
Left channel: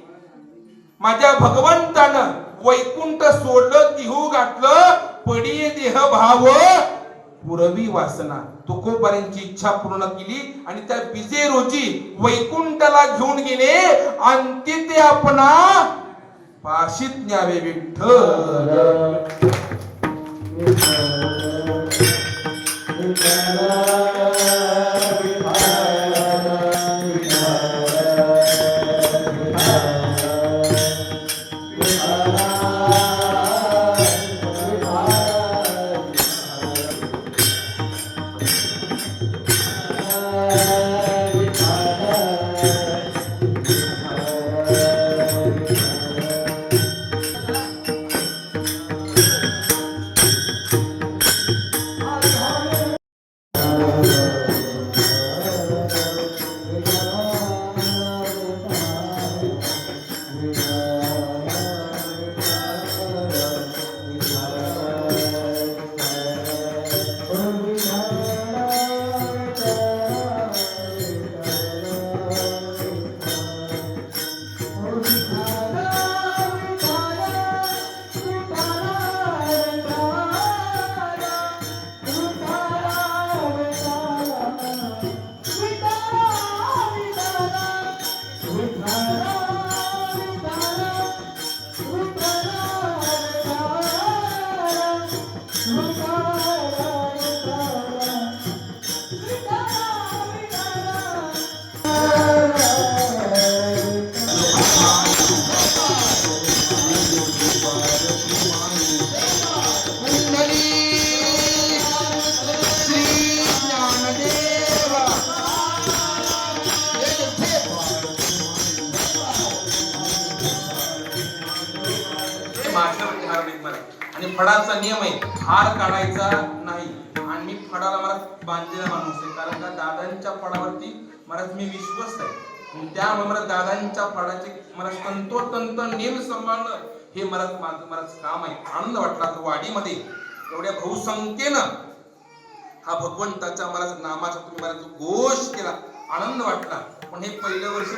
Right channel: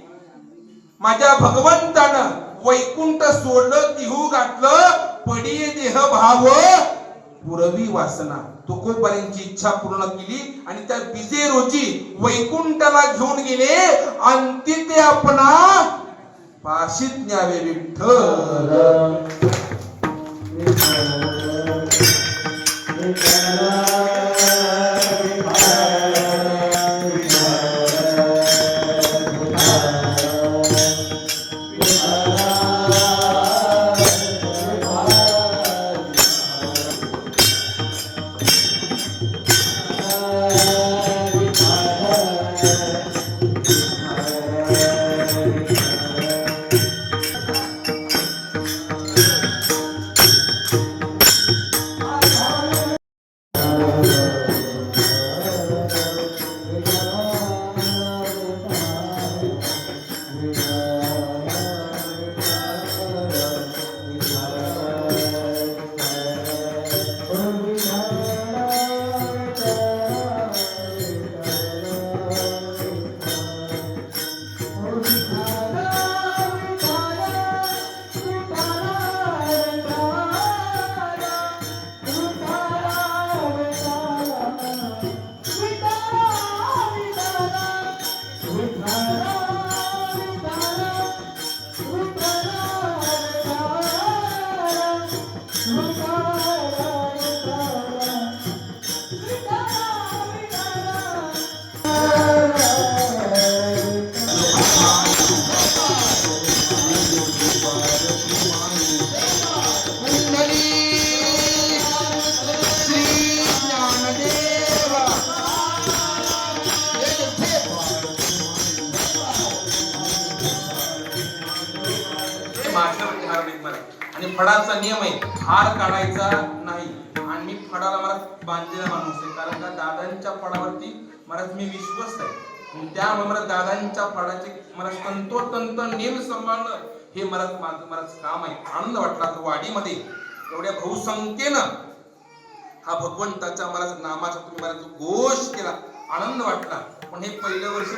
माझ्या भगवंतानं वैकुंठ सोडलं, तिहू गाठलं, पडिये देह भाव पुरवी वासना. तुकोबारांची इच्छा पूर्ण केली आणि त्या बिजे रोजी वैकुंठाला घेऊन गेले. अंती ते आपणा पाशीत न्यावे विठ्ठल. फडाचा नियम आहे, हार काढायचा नाही. आणि मी फडाला मला बांधलेला माणूस आहे, कारण का दादांच्या फडावरती मला मी विश्वास आहे. त्यामुळे मला दादांच्या फडाचे मला तंतोतंत नियम सांभाळणं हे मला काम आहे. आनंद वाटला तर वाडीमध्ये एवढ्या बहुसंख्येनं हा भगवंताच्या मला नामाचा तुम्ही मला जो घोष केला, आनंद वाटला. पण हे पहिलं वर्ष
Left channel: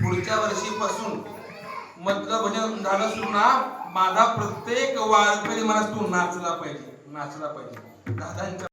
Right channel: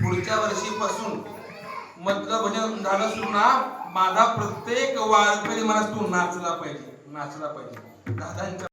पुढच्या वर्षीपासून मधलं भजन झालं सुरू ना, माझा प्रत्येक वारकरी मला तू नाचला पाहिजे दादांच्या